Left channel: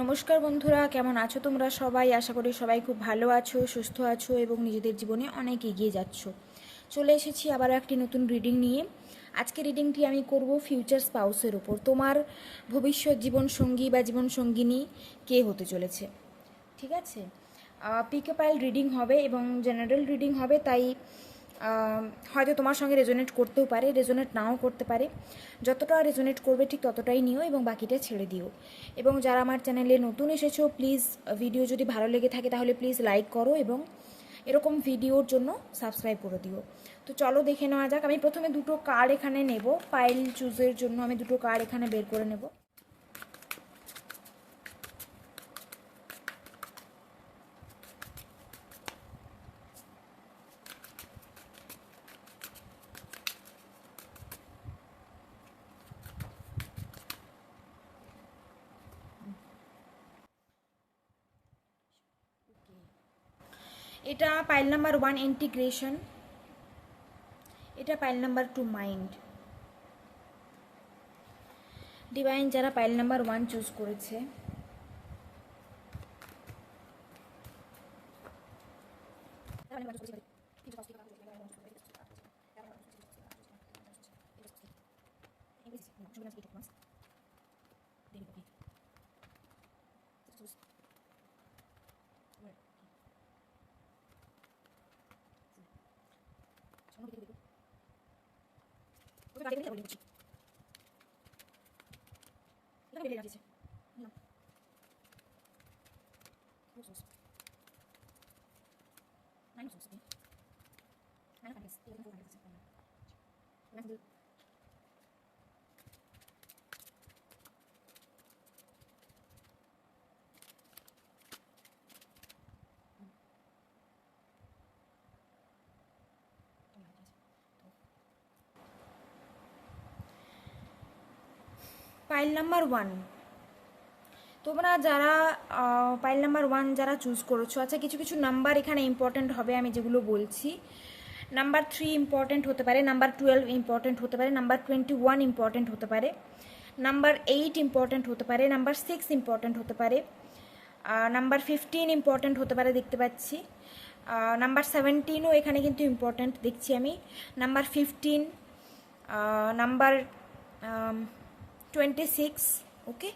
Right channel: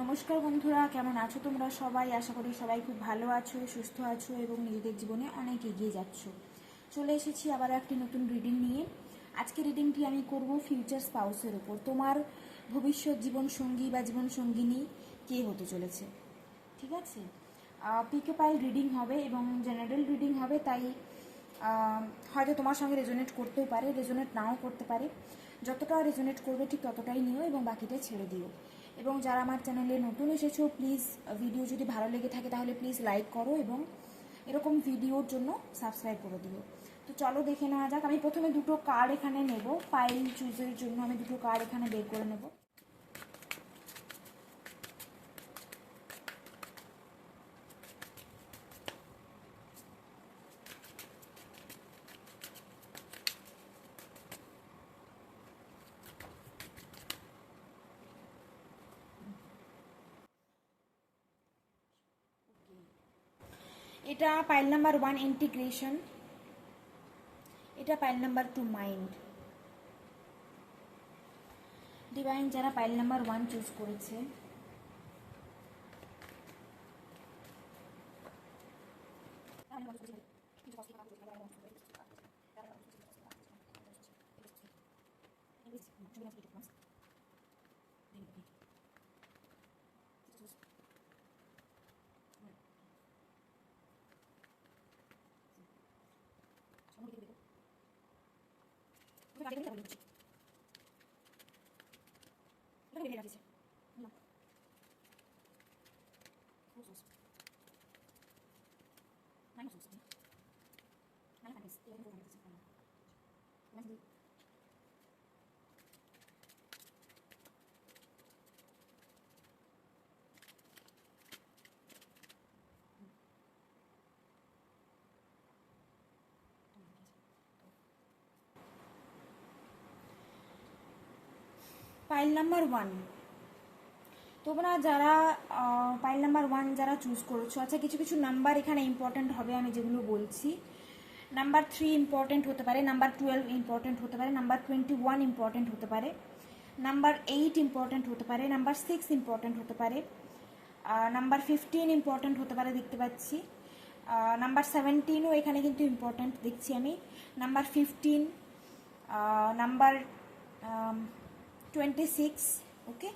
নমস্কার বন্ধুরা, কেমন আছো তোমরা সবাই? আশা করি সবাই খুব ভালো আছো, সুস্থ আছো এবং নিজেদের জীবনে অনেক এগিয়ে যাচ্ছ। চলে এসেছি আবার একটি নতুন রিডিং নিয়ে। আজকে রিডিংটি আমি করব ফিউচার স্পাউসের উপর। তোমার ভবিষ্যৎ জীবনসঙ্গী বা জীবনসঙ্গিনী কে হতে চলেছে, ঠিক আছে? পিকে পাইল রিডিং হবে এবং জেনারেল রিডিং হবে, তাই হয়তো তোমার সঙ্গে রেজোনেট করতেও পারে, রেজোনেট নাও করতে পারে। যতটা রেজোনেট করবে ঠিক ততটাই নিও এবং বাকিটা ছেড়ে দিও। এবং যারা আমার চ্যানেলে নতুন এসেছো, প্লিজ ভিডিও যদি ভালো লেগে থাকে তাহলে প্লিজ লাইক করো এবং এরকম ভিডিওর জন্য সাবস্ক্রাইব করে দিও। তো চলো দেখে নেওয়া যাক। আমি প্রথমে দুটো কার্ড এখানে নেব, পাইল চুজের জন্য আমি দুটো কার্ড এখানে বের করে নেব। এটা পাইল নাম্বার 1 ইন্টিগ্রেশন, এটা পাইল নাম্বার 2 মাইন্ড। ডিভাইন যারা পাইল নাম্বার 1 চুজ করেছে, পাইল নাম্বার 1 তোমরা যারা পাইল নাম্বার 1 যারা চুজ করেছো, আচ্ছা কিছু কিছু নাম্বার এখানে ইম্পর্ট্যান্ট হবে আমি যেগুলো বলছি। নাম্বার 3 ইম্পর্ট্যান্ট হতে পারে, নাম্বার 12 ইম্পর্ট্যান্ট হতে পারে, নাম্বার 21 ইম্পর্ট্যান্ট হতে পারে, নাম্বার 8 ইম্পর্ট্যান্ট হতে পারে, নাম্বার 6 ইম্পর্ট্যান্ট হতে পারে, নাম্বার 15 ইম্পর্ট্যান্ট হতে পারে দেখতে পাচ্ছি, নাম্বার 17ও এখানে কিন্তু ইম্পর্ট্যান্ট দেখছি আমি, নাম্বার 15, নাম্বার 26। ওকে,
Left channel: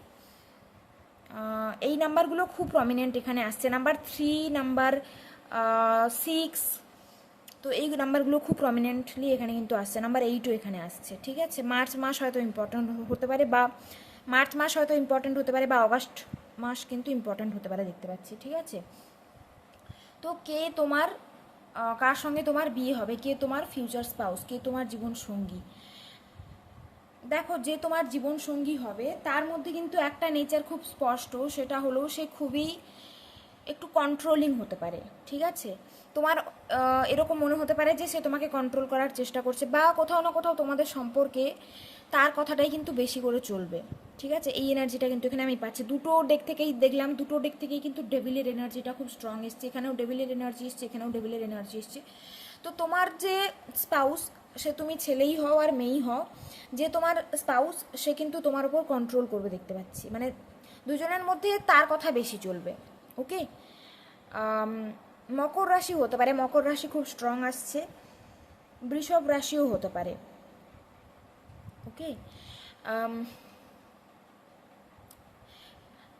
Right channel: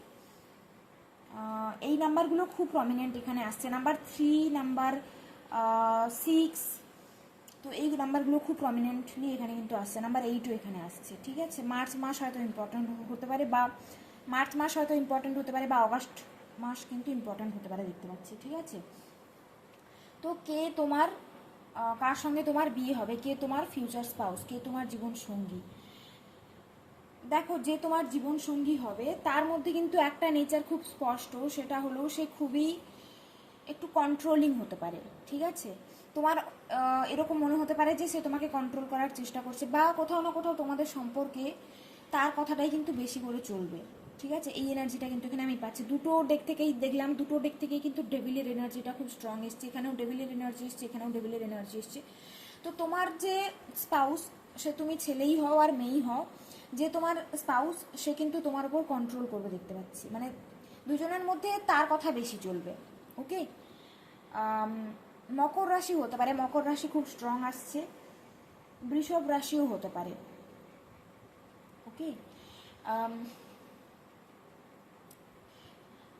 এই নাম্বারগুলো খুব প্রমিনেন্ট এখানে আসছে। নাম্বার 3, নাম্বার 6, তো এই নাম্বারগুলো খুব প্রমিনেন্টলি এখানে কিন্তু আসছে। নাম্বার 8ও এখানে আসছে, ঠিক আছে? মার্চ মাস হয়তো ইম্পর্ট্যান্ট হতে পারে, বা মার্চ মাস হয়তো ইম্পর্ট্যান্ট হতে পারে, বা অগাস্ট মাস কিন্তু ইম্পর্ট্যান্ট হতে পারে দেখতে পাচ্ছি, ঠিক আছে? তো কে তোমার, কার সঙ্গে তোমার বিয়ে হবে, কে তোমার ফিউচার স্পাউস, কে তোমার জীবন সঙ্গী? দেখো, যে তোমার জীবন সঙ্গী হবে তার মধ্যে কিন্তু একটা নেচার খুব স্পষ্ট, সেটা হলো সে খুবই একটু কন্ট্রোলিং হতে পারে, ঠিক আছে? তোমার এরকম মনে হতে পারে যে সে তোমাকে কন্ট্রোল করার চেষ্টা করছে, বা কোথাও না কোথাও তোমাদের সম্পর্কে তার কথাটাই কিন্তু বেশি করে চলবে, ঠিক আছে? এই এনার্জিটা কিন্তু এখানে আমি পাচ্ছি। দুটো ডেক থেকেই দেখলাম, দুটো ডেক থেকেই কিন্তু ডেভিলের এনার্জিটা খুব স্ট্রং এসছে। এখানেও ডেভিলের এনার্জি এসছে, এখানেও ডেভিলের এনার্জি এসছে। তো তোমার যে স্পাউস, সে তুমি ছেলেই হও আর মেয়েই হও, যে তোমার স্পাউস সে কিন্তু তোমার উপর কন্ট্রোল করবে দেখতে পাচ্ছি। মানে দুজনের মধ্যে তার কথা বেশি চলবে। ওকে, মকর রাশি হতে পারে, মকর রাশি খুব স্ট্রং আসছে। বৃষভ রাশিও হতে পারে। ওকে,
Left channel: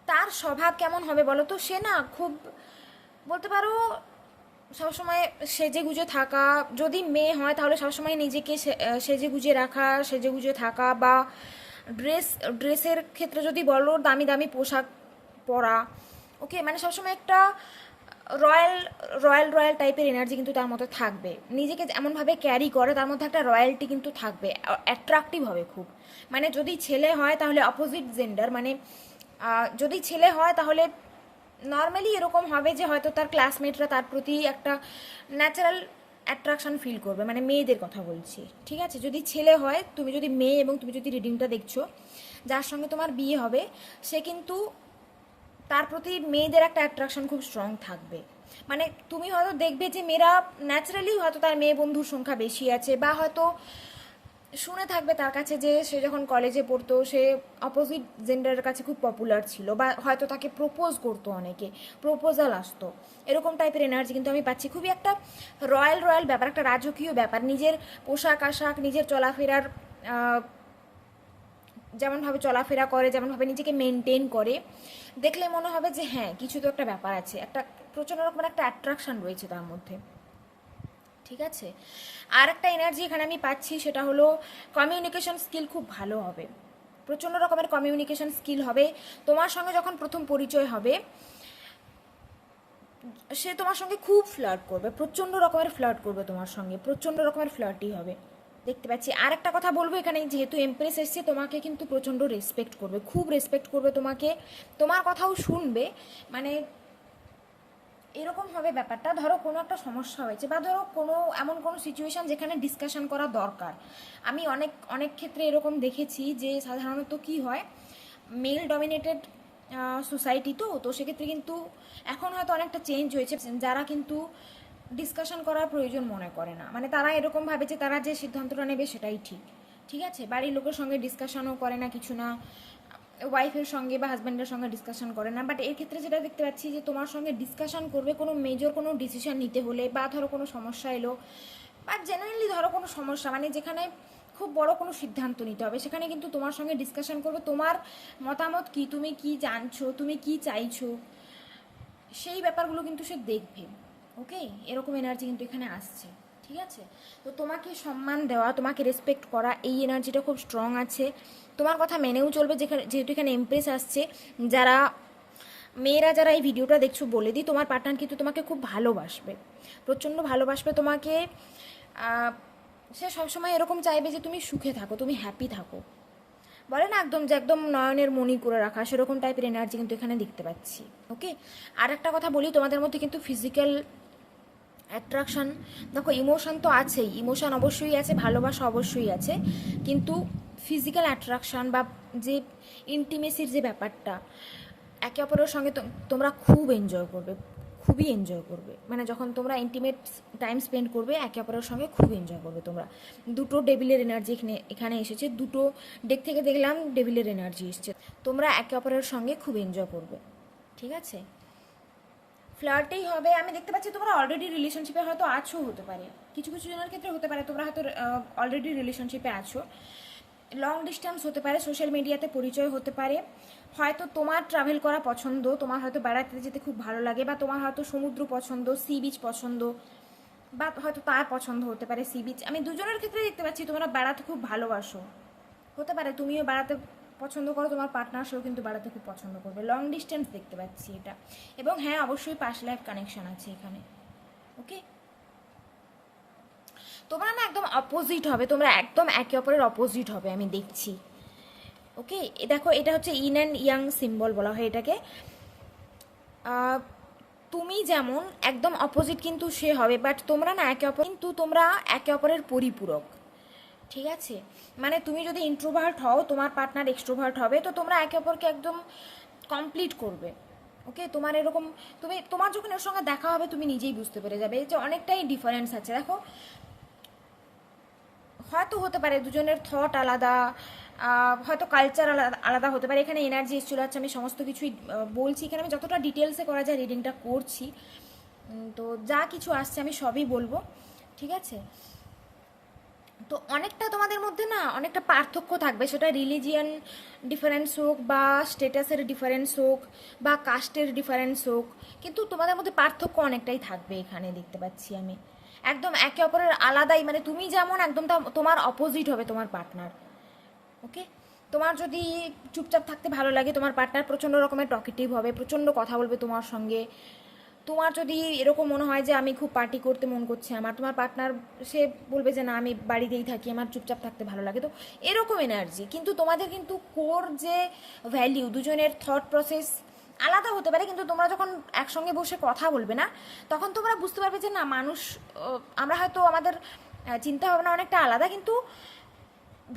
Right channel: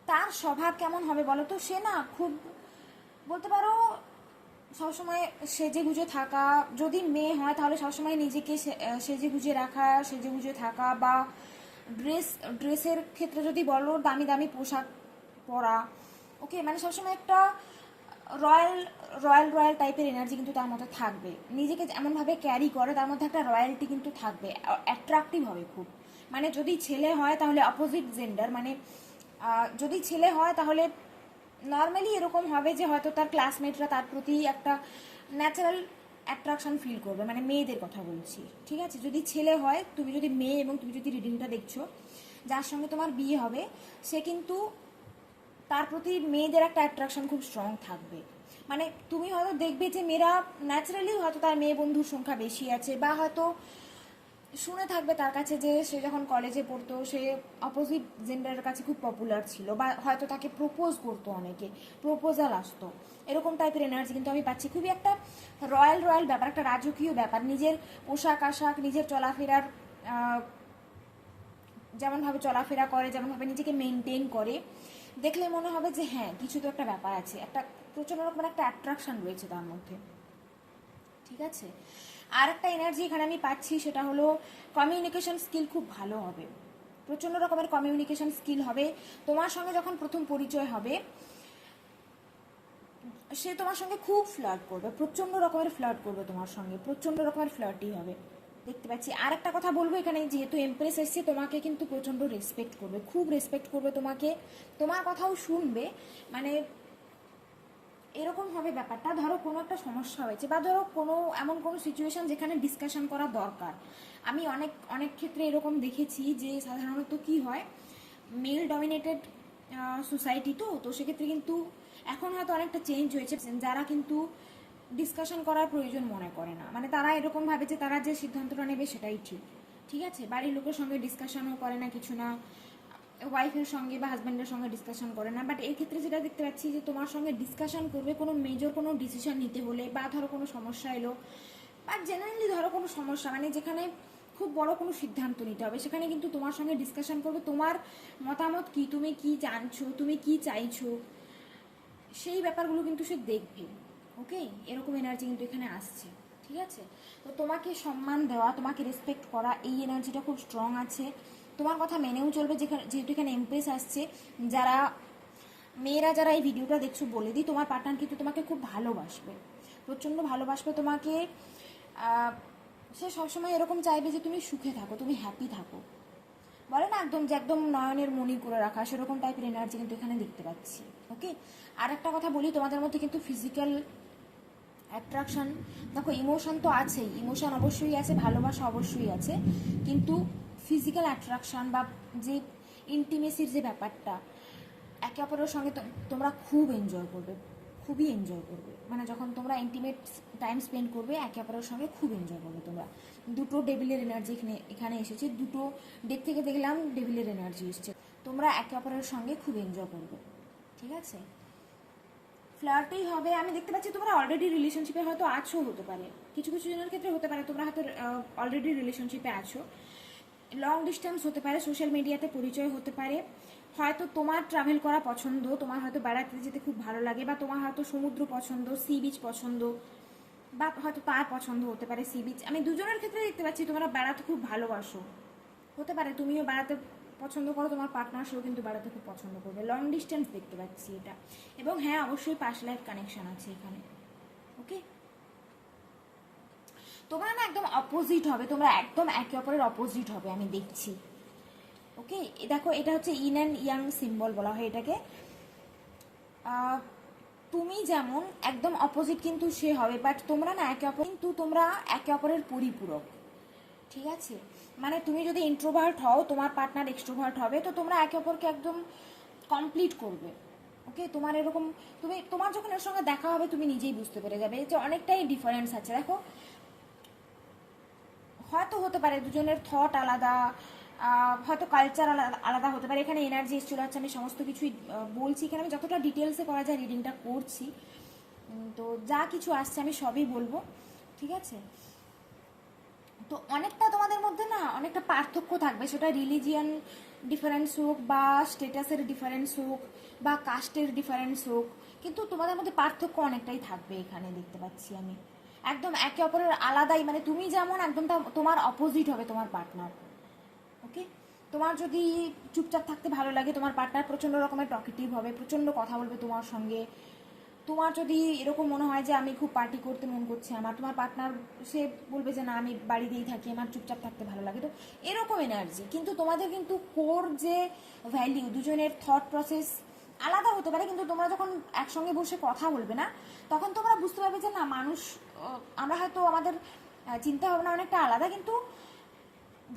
তার স্বভাব কেমন হবে বলো তো? সে না খুব, বলতে পারো সবসময় সেজে গুজে থাকা, যদি মেয়ে হয় তাহলে সবসময় নিজেকে সেজে গুজে রাখা, সেজে গুজে থাকা, বা ড্রেসের ক্ষেত্রে যদি বলো দামি দামি পোশাক পরা। ওকে, মানে সবসময় একটা রয়্যাল রয়্যাল রয়্যাল টাইপের এনার্জি কিন্তু তার মধ্যে থাকবে। নিজেকে এমনভাবে ক্যারি করে, তার মধ্যে একটা রয়্যালটি কিন্তু থাকবে, অ্যাট্রাকটিভ হবে খুব। মানে যদি ছেলে হয় তাহলে অপোজিট জেন্ডার, মানে যদি ছেলে হয় তাহলে নর্মালি এরকম হবে যে হয়তো তার ক্লাসমেটরা তার প্রতি একটা ন্যাচারাল অ্যাট্রাকশন ফিল করবে, মানে মেয়েদের কথা বলছি, ঠিক আছে? যদি ছেলে হয়, তুমি যদি মেয়ে এবং তুমি যদি রিডিংটা দেখছো, যার সঙ্গে তোমার বিয়ে হবে সে কিন্তু তার প্রতি মেয়েদের একটা অ্যাট্রাকশন খুব স্ট্রং থাকবে। মানে তুমি হয়তো দেখবে যে মেয়েরা ন্যাচারালি হয়তো তার মেয়ে বন্ধুর সংখ্যা বেশি আছে, বা হয়তো শুনে থাকবে তার কাছে যে সে যখন কলেজে পড়তো সে অপোজিট জেন্ডারের কাছে খুব পপুলার ছিল, বা হয়তো তাকে প্রপোজ করতো, অনেকে প্রপোজাল আসতো, এরকম টাইপের এনার্জি কিন্তু আমি পাচ্ছি। খুবই একটা রয়্যাল রয়্যাল ব্যাপার, একটা রাজকীয় ব্যাপার। নিজের পোশাক আশাক, নিজের চলাফেরার, যেমনভাবে চলাফেরা করে, যেমনভাবে নিজেকে মেনটেন করে, দেখলে মনে হবে যে হ্যাঁ কিছু তো একটা ব্যাপার আছে, একটা প্রচণ্ড রকমের একটা অ্যাট্রাকশন রয়েছে তার মধ্যে। ঠিক আছে, আর একটা এনার্জি এখানে আমি পাচ্ছি, সেটা হলো কমিউনিকেশন স্কিল খুব ভালো হবে, প্রচণ্ড রকমের কমিউনিকেশন স্কিল হবে। তোমার সঙ্গে যখন প্রথম পরিচয় হবে, সে তোমার সঙ্গে খুব ফ্লার্ট করবে, প্রচণ্ড রকমের ফ্লার্ট করবে তোমার সঙ্গে, প্রচণ্ড রকমের ফ্লার্টই হবে দেখতে পাচ্ছি। আর একটা কথা বলবো, এখানে যেহেতু এমপ্রেস এসছে, তোমাকে কিন্তু প্রচণ্ড রেসপেক্ট করবে, খুব রেসপেক্ট করবে তোমাকে, তোমার কথাও শুনবে। মানে এরকম হবে ব্যাপারটা, ধরো কোনো একটা সমস্যা হয়েছে, বা ধরো কোনো এমন কোনো সিচুয়েশন যেখানে ডিসকাশন করা দরকার। আমি অনেক অনেক ক্ষেত্রে এরকম দেখেছি যে সাধারণত কি হয়, মেল ডমিনেটেড সোসাইটি, তো সেক্ষেত্রে কিন্তু এখন হয়তো অনেকটা চেঞ্জ হয়েছে, যারা কিন্তু ডিসকাশন করার প্রয়োজন মনে করে না, মানে তারা এরকম ভাবে যে তারা যে সিদ্ধান্তটা নেবে সেটাই ঠিক। ঠিক আছে, বাড়ির লোকের সঙ্গে ডিসকাশনও করে না, কিছু না, ওয়াইফের সঙ্গে বা হাজব্যান্ডের সঙ্গে ডিসকাশন করে না। বাট এর ক্ষেত্রে যেটা দেখতে পাচ্ছি যে তোমার সঙ্গে ডিসকাশন করবে কোনো মেজর কোনো ডিসিশন নিতে হলে, বা ধরো কোনো সমস্যা এলো, বা জেনারেলি ধরো কোনো সমস্যা, মানে যেখানে খুব বড় কোনো সিদ্ধান্ত নিতে হবে, সেখানে কিন্তু তোমার সঙ্গে ডিসকাশন করবে, তোমার মতামত কি, তুমি কি জানছো, তুমি কি চাইছো, সেই ব্যাপারগুলো কিন্তু সে দেখবে। ওকে, এরকম এনার্জি কিন্তু এখানে আসছে। ঠিক আছে, তো তোমাকে সম্মান দেওয়া, তোমাকে রেসপেক্ট করা, এই এনার্জিটা খুব স্ট্রং আছে। তোমার কথা মেনেও চলবে, যেহেতু এখানে এমপ্রেস আসছে। যারা মেয়েরা যারা এই ভিডিওটা দেখছো, বলে দিই, তোমার পার্টনার কিন্তু তোমাকে খুব ভালোবাসবে, প্রচণ্ড ভালোবাসবে তোমাকে। সে সবসময় এরকম চাইবে যে তুমি সুখে থাকো, তুমি হ্যাপি থাকো, বলে না একদম যে একদম নয়নের মণি করে রাখা, সেরকম টাইপের এনার্জি কিন্তু এখানে দেখতে পাচ্ছি। ওকে, আর একটা কথা বলি, তোমাদের মধ্যে কিন্তু ফিজিক্যাল অ্যাট্রাকশন, দেখো ইমোশন তো আছেই, ইমোশন অবশ্যই আছে, ভালোবাসা অবশ্যই আছে, কিন্তু ফিজিক্যাল অ্যাট্রাকশন বা যে ইন্টিমেসির যে ব্যাপারটা, একে অপরের সঙ্গে তোমরা খুব এনজয় করবে, খুবই এনজয় করবে। মানে যখন তোমরা ইন্টিমেট টাইম স্পেন্ড করবে একে অপরের সঙ্গে, খুব এনজয় করবে তোমরা। দুটো ডেভিলের এনার্জি এখানে এসেছে, দুটো ডেক থেকে দেখলাম ডেভিলের এনার্জি এসেছে, তোমরা একে অপরের সঙ্গে খুব এনজয় করবে। ঠিক আছে, ফ্লার্টেই হবে। আমি দেখতে পাচ্ছি তোমরা অলরেডি রিলেশনশিপে হয়তো আছো, হতে পারে কিছু কিছু জনের ক্ষেত্রে হতে পারে তোমরা হয়তো অলরেডি রিলেশনশিপে আছো, লং ডিস্টেন্স হতে পারে, সোশ্যাল মিডিয়াতে পরিচয় হতে পারে, হয়তো তোমার ট্রাভেল করা পছন্দ, তোমার হয়তো বেড়াতে যেতে খুব ভালো লাগে, বা তোমার হয়তো সমুদ্র পছন্দ, সি বিচ পছন্দ, বা হয়তো তার পছন্দ হতে পারে সি বিচ। আমি দুজনের ক্ষেত্রে দেখতে পাচ্ছি তোমরা বেড়াতে খুব ভালোবাসো, হতে পারে তুমিও বেড়াতে পছন্দ করো, তোমার পার্টনার সেও কিন্তু বেড়াতে খুব পছন্দ করবে, লং ডিস্টেন্স দেখতে পাচ্ছি এটা। এবং হ্যাঁ, অবশ্যই পাস্ট লাইফ কানেকশন আছে এখানে। ওকে, তোমরা না একদম অপোজিট হবে, তোমরা একদম একে অপরের অপোজিট হবে আমি দেখছি। ওকে, দেখো এটা হচ্ছে ইন অ্যান্ড ইয়াং সিম্বল বলা হয় এটাকে। তুমি যেমন একদম অপোজিট কিন্তু সে হবে, বাট তোমরা না একে অপর, কিন্তু তোমরা একে অপরের পরিপূরক। ঠিক আছে, মানে তুমি যদি ইন্ট্রোভার্ট হও, তোমার পার্টনার এক্সট্রোভার্ট হবে, তো তোমরা একে অপরকে একদম কমপ্লিট করবে। ওকে, তোমার এরকম, তোমার যখন ওর সঙ্গে দেখা হবে তুমি নিজেই বুঝতে পেরে যাবে যে অনেকটাই ডিফারেন্স আছে। দেখো হয়তো হতে পারে দুজনের থট আলাদা, হয়তো কালচার আলাদা আলাদা হতে পারে। এখানে এনার্জি এসেছিল, আচ্ছা আমি সমস্ত কিছুই বলছি, এখানে আমি যতটা ডিটেলসে করা যায় রিডিংটা করছি, তো যা কিছু আসছে আমি সবই বলবো। ঠিক আছে, তো অনেকটা তোমাদের মধ্যে না অনেকটা পার্থক্য থাকবে, সেটা রিলিজিয়ান ডিফারেন্স হোক, বা স্টেটাসের ডিফারেন্স হোক, বা কাস্টের ডিফারেন্স হোক, কিন্তু তোমাদের মধ্যে পার্থক্য অনেকটাই থাকবে এখানে দেখতে পাচ্ছি আমি। একদম একে অপরের আলাদাই, মানে তুমি যেমন একদম তোমার অপোজিট হবে তোমার পার্টনার। ওকে, তোমার যদি চুপচাপ থাকতে ভালো লাগে, তোমার পার্টনার প্রচণ্ড রকমের টকেটিভ হবে, প্রচণ্ড কথা বলবে তোমার সঙ্গে। তোমার যদি এরকম মনে হয় যে আমি খুব পার্টি করতে মন করছে আমার, তোমার পার্টনার সে বলবে যে না আমি বাড়িতেই থাকি, আমার চুপচাপ থাকতে ভালো লাগে। তো এরকম এনার্জি, কিন্তু তোমাদের কিন্তু কোর যে ভ্যালিউ, দুজনের থট প্রসেস আলাদা হতে পারে, কিন্তু তোমরা যখন একসঙ্গে বসে কথা বলবে না, তখন তোমরা বুঝতে পারবে যে না মানুষ, আমরা হয়তো আমাদের চিন্তা ভাবনা অনেকটা আলাদা, কিন্তু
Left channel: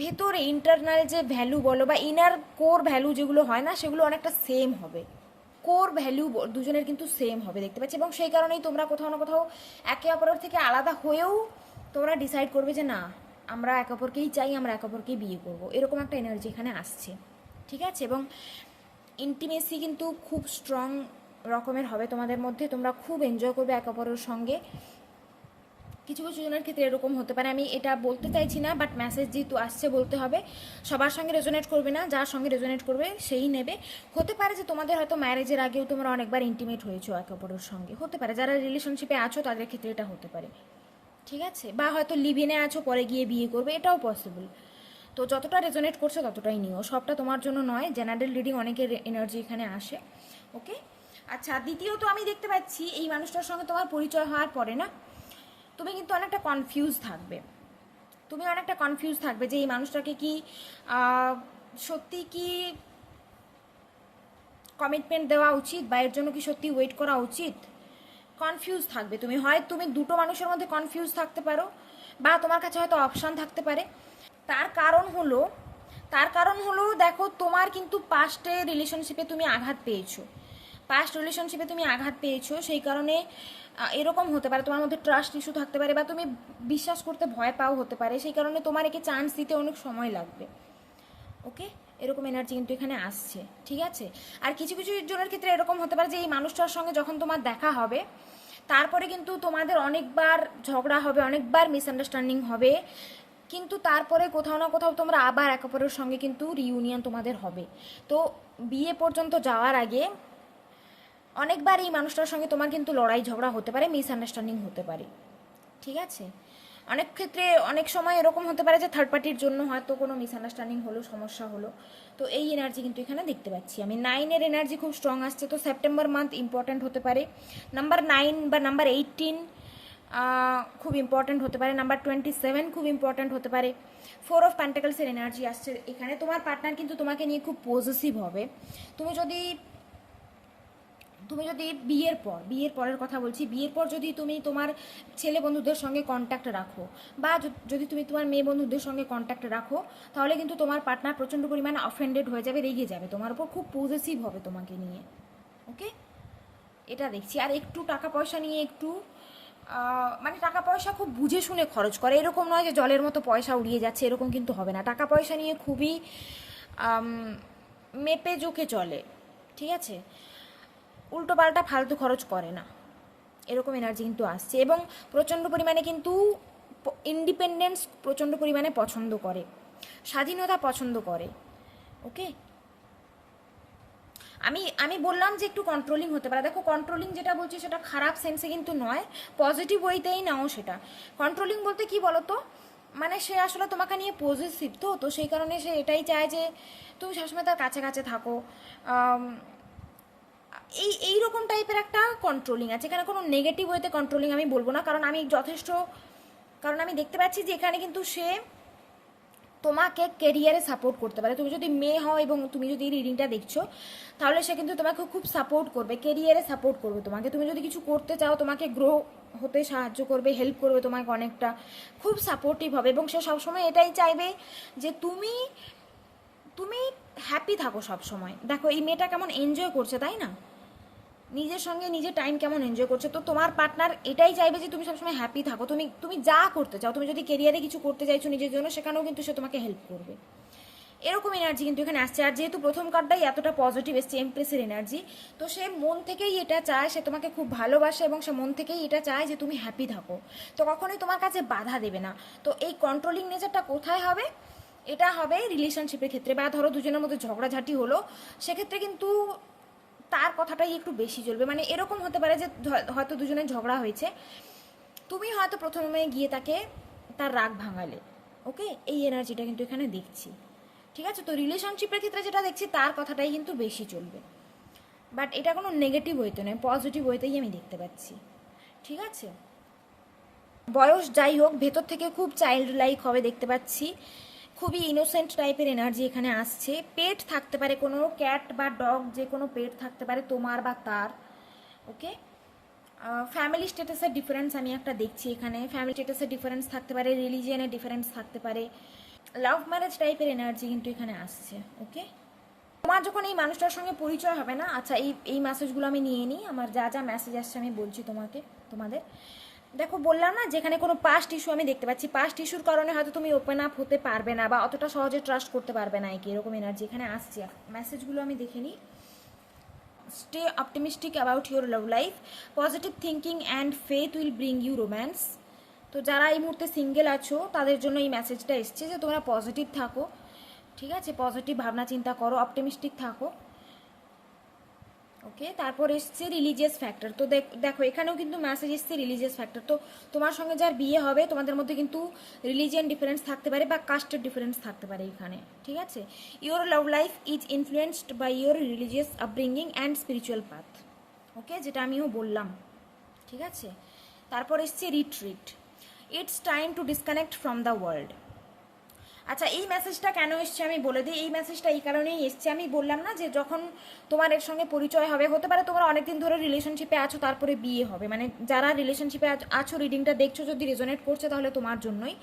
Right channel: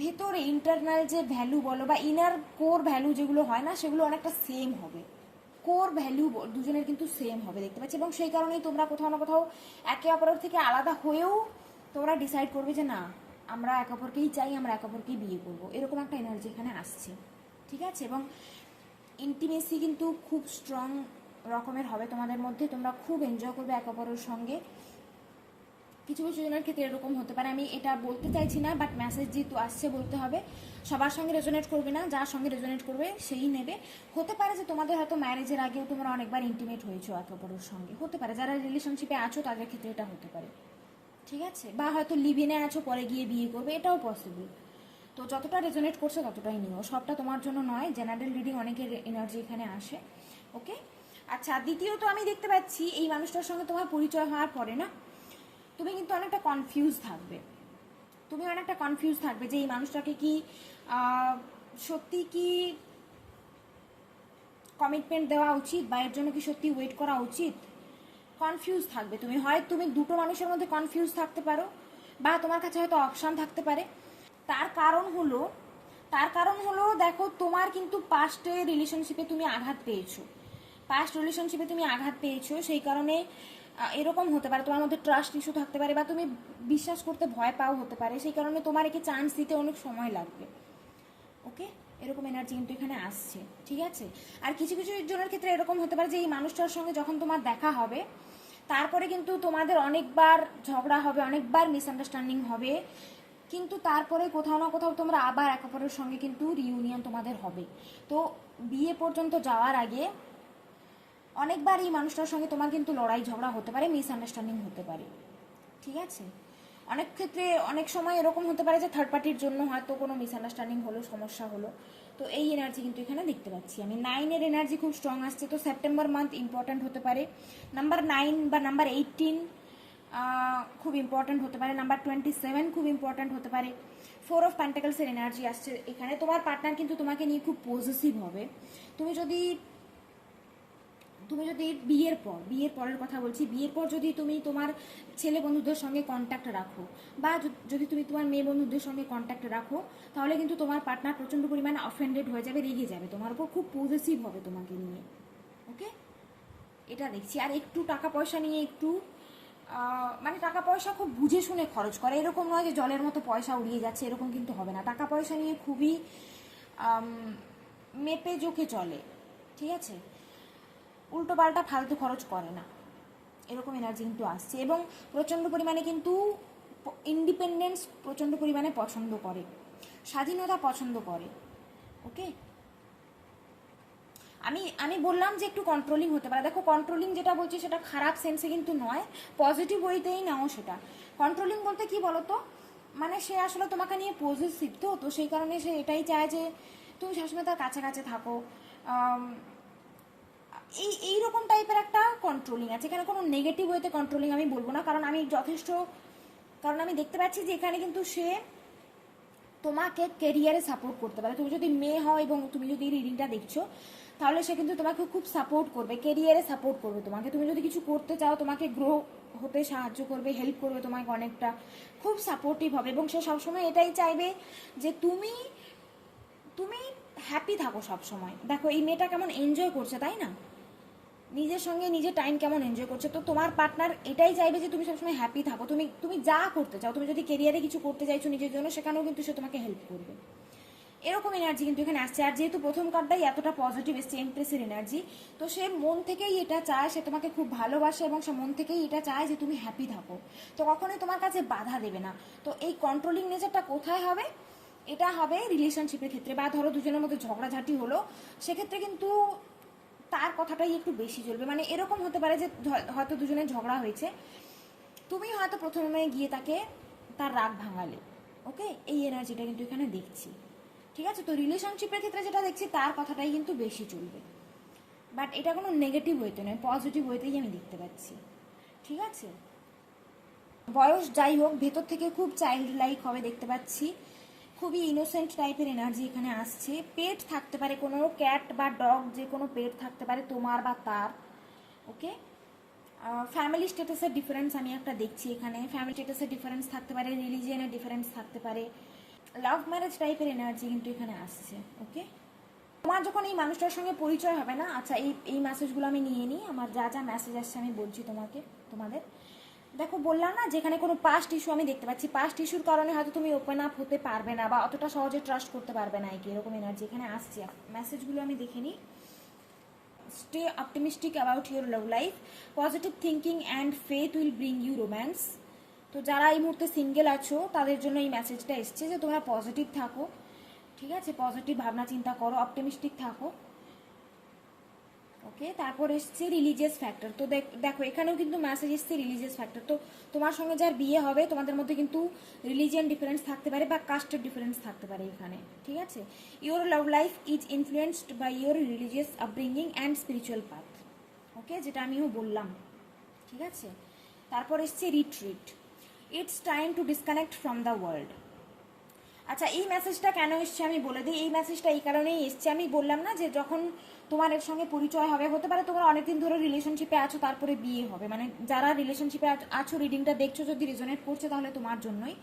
ভেতরে ইন্টারনাল যে ভ্যালু বলো বা ইনার কোর ভ্যালু যেগুলো হয় না, সেগুলো অনেকটা সেম হবে। কোর ভ্যালু দুজনের কিন্তু সেম হবে দেখতে পাচ্ছি, এবং সেই কারণেই তোমরা কোথাও না কোথাও একে অপরের থেকে আলাদা হয়েও তোমরা ডিসাইড করবে যে না আমরা একে অপরকেই চাই, আমরা একে অপরকেই বিয়ে করবো, এরকম একটা এনার্জি এখানে আসছে। ঠিক আছে, এবং ইন্টিমেসি কিন্তু খুব স্ট্রং রকমের হবে তোমাদের মধ্যে, তোমরা খুব এনজয় করবে একে অপরের সঙ্গে। কিছু কিছু জনের ক্ষেত্রে এরকম হতে পারে, আমি এটা বলতে চাইছি না, বাট মেসেজ যেহেতু আসছে বলতে হবে। সবার সঙ্গে রেজোনেট করবে না, যার সঙ্গে রেজোনেট করবে সেই নেবে। হতে পারে যে তোমাদের হয়তো ম্যারেজের আগেও তোমরা অনেকবার ইন্টিমেট হয়েছো একে অপরের সঙ্গে, হতে পারে যারা রিলেশনশিপে আছো তাদের ক্ষেত্রে এটা হতে পারে। ঠিক আছে, বা হয়তো লিভিনে আছো, পরে গিয়ে বিয়ে করবে, এটাও পসিবল। তো যতটা রেজোনেট করছো ততটাই নিও, সবটা তোমার জন্য নয়। জেনারেল রিডিং অনেকের এনার্জি এখানে আসে। ওকে, আচ্ছা, দ্বিতীয়ত আমি দেখতে পাচ্ছি এই মানুষটার সঙ্গে তোমার পরিচয় হওয়ার পরে না, তুমি কিন্তু অনেকটা কনফিউজ থাকবে। তুমি অনেকটা কনফিউজ থাকবে যে এই মানুষটাকে কি সত্যি কি কমিটমেন্ট দেওয়া উচিত, বা এর জন্য কি সত্যি ওয়েট করা উচিত। কনফিউজ থাকবে তুমি, হয় তুমি দুটো মানুষের মধ্যে কনফিউজ থাকতে পারো, বা তোমার কাছে হয়তো অপশান থাকতে পারে। তার কারণ হলো দেখো, তোমার কিন্তু পাস্টে রিলেশনশিপে তুমি আঘাত পেয়েছো, সেই কারণে এরকম হতে পারে, তোমার মধ্যে ট্রাস্ট ইস্যু থাকতে পারে, বা তুমি বিশ্বাস করতে ভয় পাও হতে পারে, সেই কারণে তোমার একে চান্স দিতে অনেক সময় লাগবে। ওকে, এরকম এনার্জি কিন্তু এখানে আসছে। ঠিক আছে, আর কিছু কিছু জনের ক্ষেত্রে এরকম হতে পারে যে এই মানুষটার সঙ্গে যখন তোমার দেখা হবে, তারপরে কিন্তু তোমাদের অনেকবার ঝগড়া হবে, অনেকবার মিসআন্ডারস্ট্যান্ডিং হবে, কিন্তু তারপরে কোথাও না কোথাও তোমরা আবার একে অপরের সঙ্গে কিন্তু রিইউনিয়ন তোমাদের হবে। তো বিয়ে পর্যন্ত যাওয়ার আগে অনেকবার এই মানুষটার সঙ্গে তোমার কিন্তু লড়াই ঝগড়া হতে পারে, মিসআন্ডারস্ট্যান্ডিং হতে পারে। ঠিক আছে, অনেক ক্ষেত্রে অনেক সময় এরকম হতে পারে যে থার্ড পার্টির জন্য হয়তো কোনো মিসআন্ডারস্ট্যান্ডিং হলো, সমস্যা হলো। তো এই এনার্জি কিন্তু এখানে দেখতে পাচ্ছি আমি। 9-এর এনার্জি খুব স্ট্রং আসছে, তো সেপ্টেম্বর মান্থ ইম্পর্ট্যান্ট হতে পারে। নাম্বার 9 বা নাম্বার 18 খুব ইম্পর্ট্যান্ট হতে পারে। নাম্বার 27 খুব ইম্পর্ট্যান্ট হতে পারে। 4 অফ প্যান্টাকলসের এনার্জি আসছে এখানে। তোমার পার্টনার কিন্তু তোমাকে নিয়ে খুব পজেসিভ হবে। তুমি যদি বিয়ের পরের কথা বলছি, বিয়ের পর যদি তুমি তোমার ছেলে বন্ধুদের সঙ্গে কন্ট্যাক্ট রাখো, বা যদি তুমি তোমার মেয়ে বন্ধুদের সঙ্গে কন্ট্যাক্ট রাখো, তাহলে কিন্তু তোমার পার্টনার প্রচণ্ড পরিমাণে অফেন্ডেড হয়ে যাবে, রেগে যাবে তোমার উপর, খুব পজেসিভ হবে তোমাকে নিয়ে। ওকে, এটা দেখছি। আর একটু টাকা পয়সা নিয়ে একটু মানে টাকা পয়সা খুব বুঝে শুনে খরচ করে, এরকম নয় যে জলের মতো পয়সা উড়িয়ে যাচ্ছে, এরকম কিন্তু হবে না। টাকা পয়সা নিয়ে খুবই মেপে জোকে চলে। ঠিক আছে, উল্টো পাল্টা ফালতু খরচ করে না, এরকম এনার্জি কিন্তু আসছে। এবং প্রচণ্ড পরিমাণে কিন্তু ইন্ডিপেন্ডেন্স প্রচণ্ড পরিমাণে পছন্দ করে, স্বাধীনতা পছন্দ করে। ওকে, আমি বললাম যে একটু কন্ট্রোলিং হতে পারে। দেখো, কন্ট্রোলিং যেটা বলছি সেটা খারাপ সেন্সে কিন্তু নয়, পজিটিভ ওয়েতেই নাও সেটা। কন্ট্রোলিং বলতে কি বলো তো, মানে সে আসলে তোমাকে নিয়ে পজিটিভ, তো সেই কারণে সে এটাই চায় যে তুমি সবসময় তার কাছে কাছে থাকো। এইরকম টাইপের একটা কন্ট্রোলিং আছে এখানে। কোনো নেগেটিভ ওয়েতে কন্ট্রোলিং আমি বলবো না, কারণ আমি দেখতে পাচ্ছি যে এখানে কিন্তু সে তোমাকে কেরিয়ারে সাপোর্ট করতে পারে। তুমি যদি মেয়ে হও এবং তুমি যদি এই রিডিংটা দেখছো, তাহলে সে কিন্তু তোমাকে খুব সাপোর্ট করবে, কেরিয়ারে সাপোর্ট করবে তোমাকে। তুমি যদি কিছু করতে চাও, তোমাকে গ্রো হতে সাহায্য করবে, হেল্প করবে তোমাকে অনেকটা, খুব সাপোর্টিভ হবে। এবং সে সবসময় এটাই চাইবে যে তুমি হ্যাপি থাকো সবসময়। দেখো এই মেয়েটা কেমন এনজয় করছে, তাই না? নিজের সঙ্গে নিজের টাইম কেমন এনজয় করছে। তো তোমার পার্টনার এটাই চাইবে যে তুমি সবসময় হ্যাপি থাকো। তুমি যা করতে চাও, তুমি যদি কেরিয়ারে কিছু করতে চাইছো নিজের জন্য, সেখানেও কিন্তু সে তোমাকে হেল্প করবে। এরকম এনার্জি কিন্তু এখানে আসছে। আর যেহেতু প্রথম কার্ডটাই এতটা পজিটিভ এসছে, এমপ্রেসের এনার্জি, তো সে মন থেকেই এটা চায়, সে তোমাকে খুব ভালোবাসে, এবং সে মন থেকেই এটা চায় যে তুমি হ্যাপি থাকো। তো কখনোই তোমার কাছে বাধা দেবে না। তো এই কন্ট্রোলিং নেচারটা কোথায় হবে? এটা হবে রিলেশনশিপের ক্ষেত্রে, বা ধরো দুজনের মধ্যে ঝগড়াঝাটি হলো, সেক্ষেত্রে কিন্তু তার কথাটাই একটু বেশি চলবে। মানে এরকম হতে পারে যে হয়তো দুজনের ঝগড়া হয়েছে, তুমি হয়তো প্রথমে গিয়ে তার রাগ ভাঙালে। ওকে, এই এনার্জিটা কিন্তু এখানে দেখছি। ঠিক আছে, তো রিলেশনশিপের ক্ষেত্রে যেটা দেখছি, তার কথাটাই কিন্তু বেশি চলবে। বাট এটা কোনো নেগেটিভ ওয়েতে নয়, পজিটিভ ওয়েতেই আমি দেখতে পাচ্ছি। ঠিক আছে, বয়স যাই হোক, ভেতর থেকে খুব চাইল্ড লাইক হবে দেখতে পাচ্ছি। খুবই ইনোসেন্ট টাইপের এনার্জি এখানে আসছে। পেট থাকতে পারে, কোনো ক্যাট বা ডগ, যে কোনো পেট থাকতে পারে তোমার বা তার। ওকে, ফ্যামিলি স্ট্যাটাসের ডিফারেন্স আমি একটা দেখছি এখানে। ফ্যামিলি স্ট্যাটাসের ডিফারেন্স থাকতে পারে, রিলিজিয়নের ডিফারেন্স থাকতে পারে, লাভ ম্যারেজ টাইপের এনার্জি কিন্তু এখানে আসছে। ওকে, তোমার যখন এই মানুষটার সঙ্গে পরিচয় হবে না, আচ্ছা এই মেসেজগুলো আমি নিয়ে নিই, আমার যা যা মেসেজ আসছে আমি বলছি তোমাদের। দেখো বললাম না, যেখানে কোনো পাস্ট ইস্যু আমি দেখতে পাচ্ছি, পাস্ট ইস্যুর কারণে হয়তো তুমি ওপেন আপ হতে পারবে না বা অতটা সহজে ট্রাস্ট করতে পারবে না, কি এরকম এনার্জি এখানে আসছে। মেসেজগুলো আমি দেখে নিই। Stay optimistic about your love life, positive thinking and faith will bring you romance. তো যারা এই মুহূর্তে সিঙ্গেল আছো তাদের জন্য এই মেসেজটা এসছে যে তোমরা পজিটিভ থাকো, ঠিক আছে, পজিটিভ ভাবনা চিন্তা করো, অপটিমিস্টিক থাকো। ওকে, তারপর এসছে রিলিজিয়াস ফ্যাক্টর। তো দেখো এখানেও কিন্তু মেসেজ এসছে রিলিজিয়াস ফ্যাক্টর। তো তোমার সঙ্গে যার বিয়ে হবে তোমাদের মধ্যে কিন্তু রিলিজিয়ান ডিফারেন্স থাকতে পারে বা কাস্টের ডিফারেন্স থাকতে পারে এখানে, ঠিক আছে। Your love life is influenced by your religious upbringing and spiritual path. Okay, যেটা আমিও বললাম, ঠিক আছে। তারপর এসছে retreat, it's time to disconnect from the world. আচ্ছা, এই মেসেজটা কেন এসছে আমি বলে দিই। এই মেসেজটা এই কারণেই এসছে, আমি বললাম না যে যখন তোমার এর সঙ্গে পরিচয় হবে, হতে পারে তোমরা অনেকদিন ধরে রিলেশনশিপে আছো তারপরে বিয়ে হবে, মানে যারা রিলেশনশিপে আছো রিডিংটা দেখছো যদি রেজোনেট করছে তাহলে তোমার জন্যই।